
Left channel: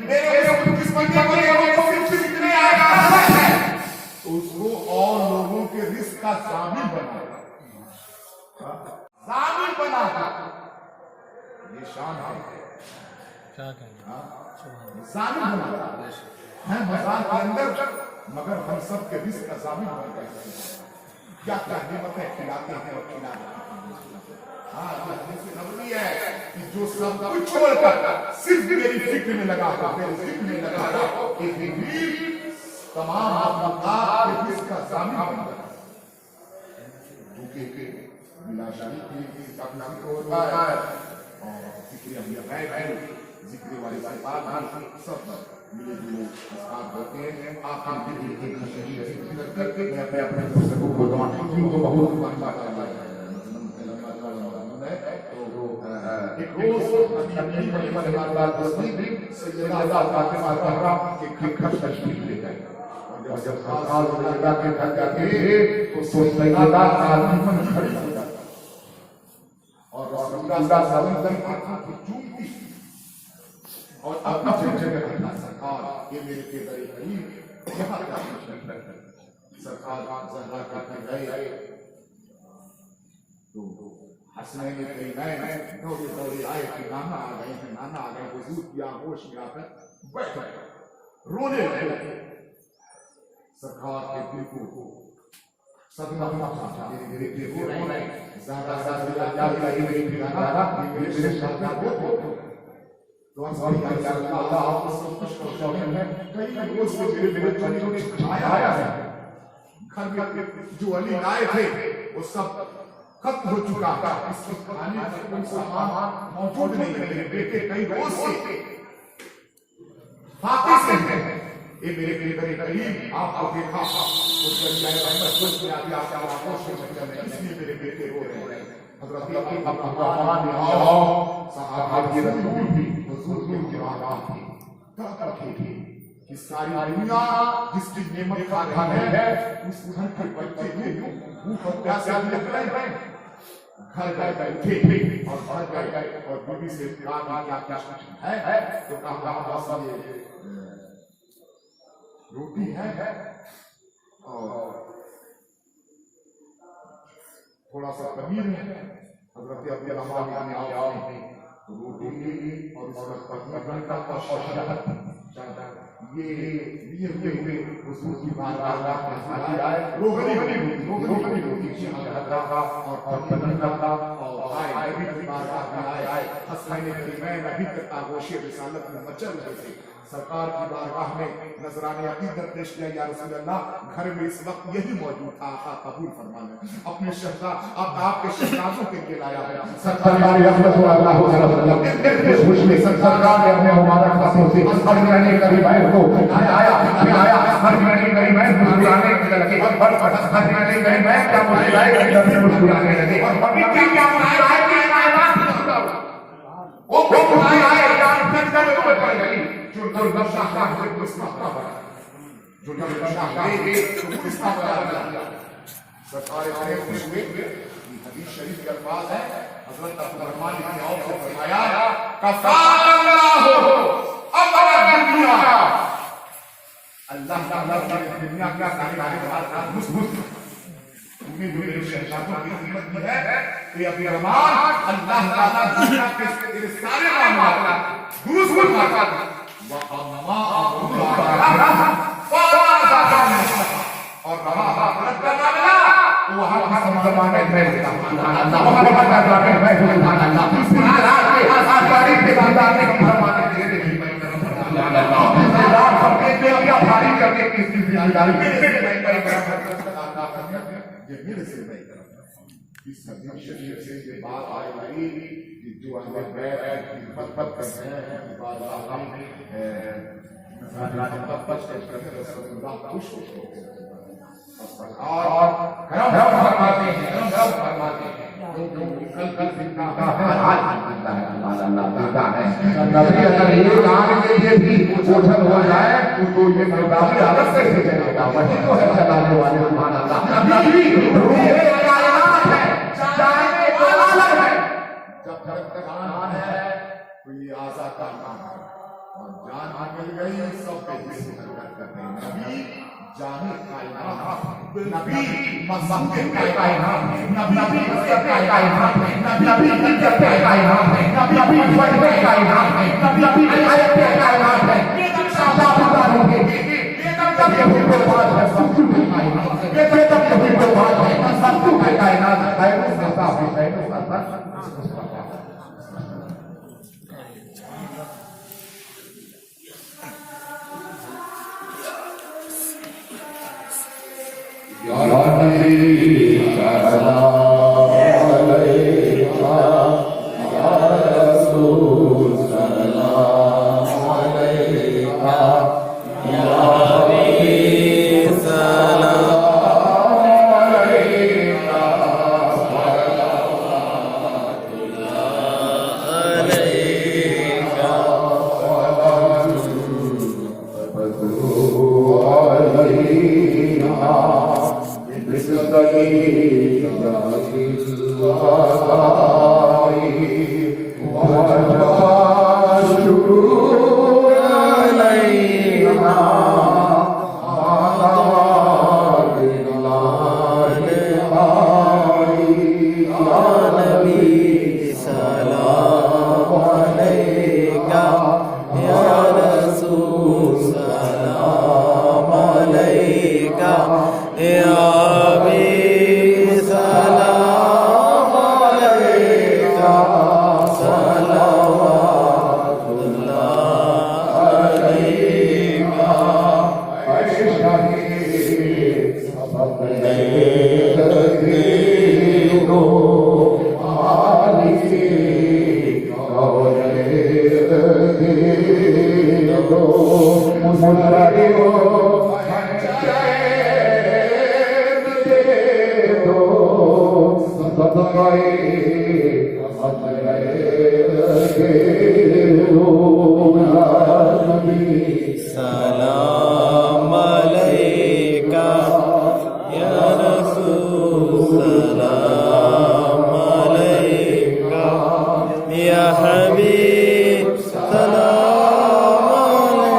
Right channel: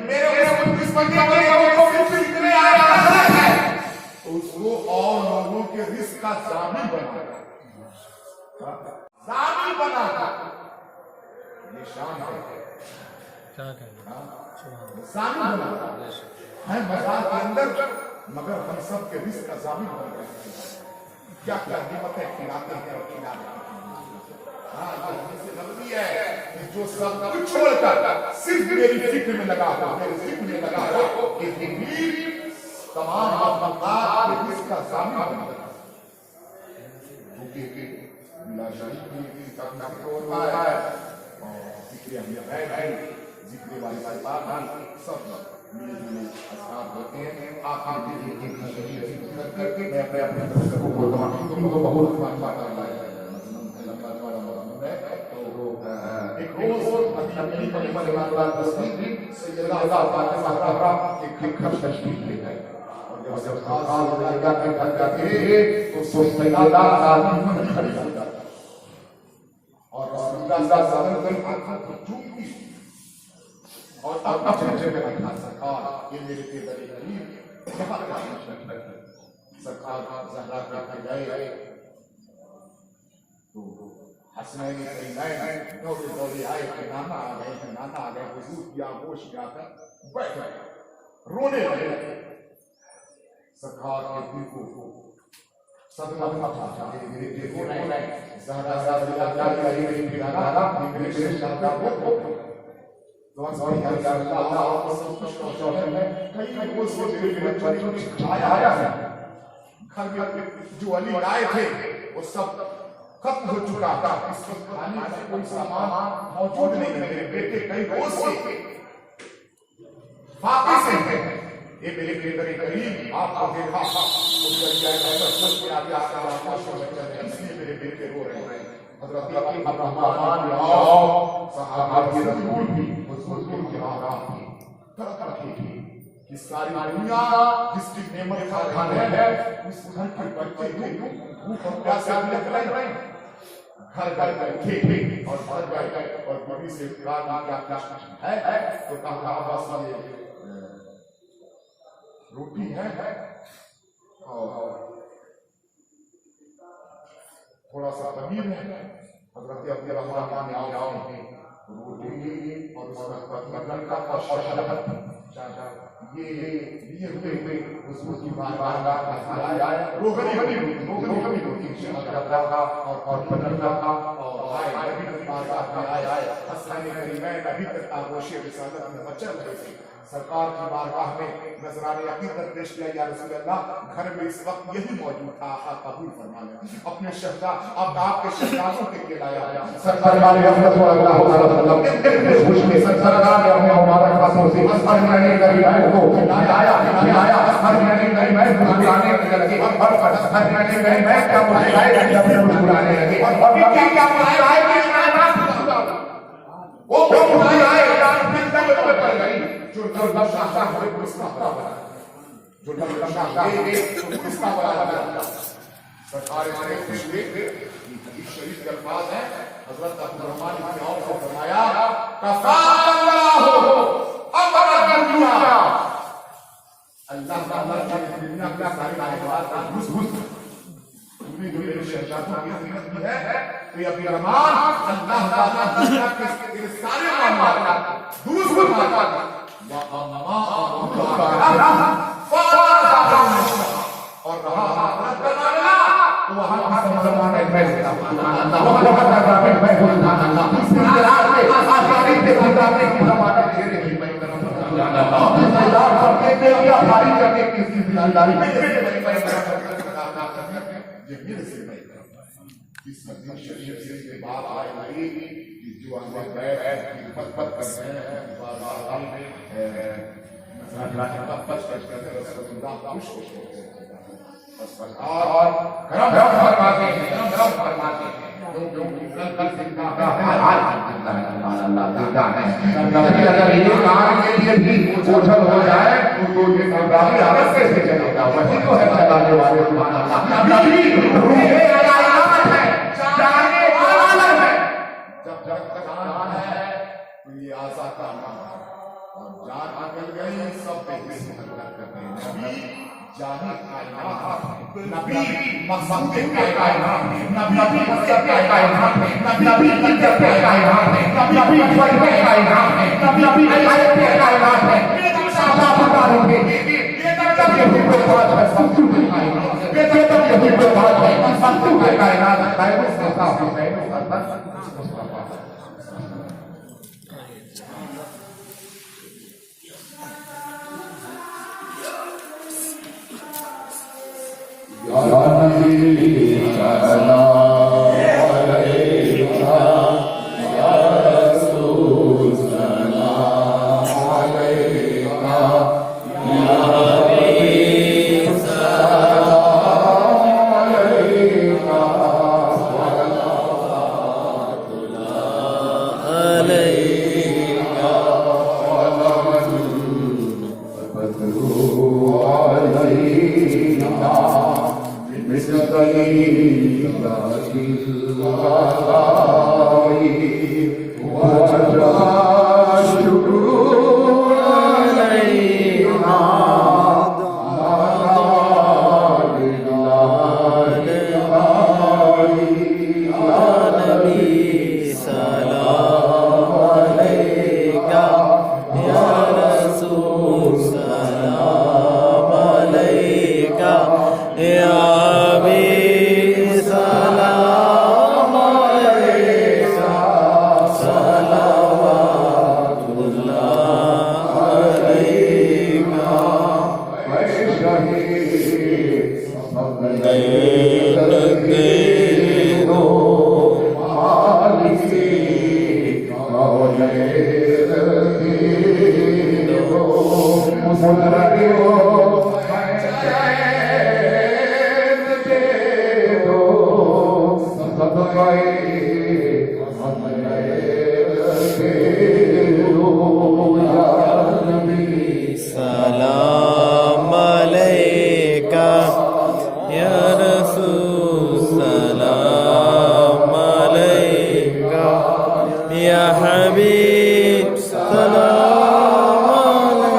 मेरे जिस बंदे को फिक्र आया है तो उसको और लोगों के रिस्क का शामिल बनाया, शामिल बना था। ये शान है, शामिल बना है मजाक के अंदर, मगर हम सब के रिस्क का शामिल बन गए। क्या क्या नियमतें खिलाते हैं और खिलाते हैं कि जो सब कुछ छोड़कर सिर्फ मेरी फिक्र में लगा था, मेरे जिक्र में लगा था, एक तमाम आपका रिस्क का शामिल बन गया। और ये मेरे के करीब सरकार गए तो हंसने में कहीं दौड़े दौड़े आए कि नाना आ गए हैं, नाना आ गए। हुजूर की आगोश में आकर बैठ गए, रोने लगे। सरकार के दिल को सदमा पहुंचा, मेरे रो रहे हैं, ज्यादा मेरे सरकार को तो अल्लाह आपको सब कुछ पहुंचाने में कई रोज मेरे आया है। घर में जो अली आए थे वो सब खत्म हो चुका था। इस वक्त खाने का कोई सामान मौजूद नहीं है। मेरे बेटे कई रोज से फाके से हैं। ये मेरे बेटे करीब आपको देखा इसलिए मेरे बेटे रो रहे हैं। हज़रत अब्दुर्रहमान ने सहाबा की रसूल भी हुजूर के आका थी, तड़प रखी थी कि सारी दुनिया जिसकी नेमत का घर है उस घर के बच्चे भूख और प्यासे लग रहे हैं। घर गए बैठे और घर गए और बीवी से कहा क्या है तो कहा बस ये रोटी है और थोड़ा सा पनीर है। हज़रत अब्दुर्रहमान ने आओ रोटी और उसका पनीर का ये लिए हुए हुजूर की बारगाह में आए। रोगनी रोटी और पनीर का और आए नबी की बारगाह में आए। हसनैन करीमैन नबी तक आगोश रिसालत में मचल रहे थे। सरकार की बारगाह में नजराने अकीदत पेश किया, या रसूल अल्लाह घर में इस वक्त यही मौजूद था, आका कबूल फरमा लें। अपने शहजाद आपके शहजादों के लिए लाया है। सरकार हमारी रहमत व अल्लाह ताला ने सरकार ने अपने मुबारक हाथों से हरमनी करीम को लाया हरमनी करीम मुस्कुराने लगे और हरमनी करीम क्या मुस्कुराने लगे। अभी क्या मुस्कुराए वो मुस्कुराए फिर सब पड़ गई जो लफ्ज़ साहब को इस्तेमाल जो लफ्ज़ सरकार ने खुशबू हदीस शरीफ के अल्फाज है। हज़रत अब्दुर्रहमान इब्न औफ ने फरमाया कफ़ाल्लाहु अमर दुनिया, अल्लाह ताला ने दुनिया क्या सारी बात घुस तुम्हें जो मेरे शहजादों की कीमत दी है तो अभी अल्लाह ताला दुनिया के सारे मामला दुरुस्त करता है और سلام علیکہ یا رسول سلام علیکہ یا حبیب سلام علیکہ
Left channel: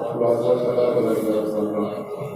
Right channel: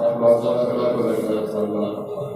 صلوات اللہ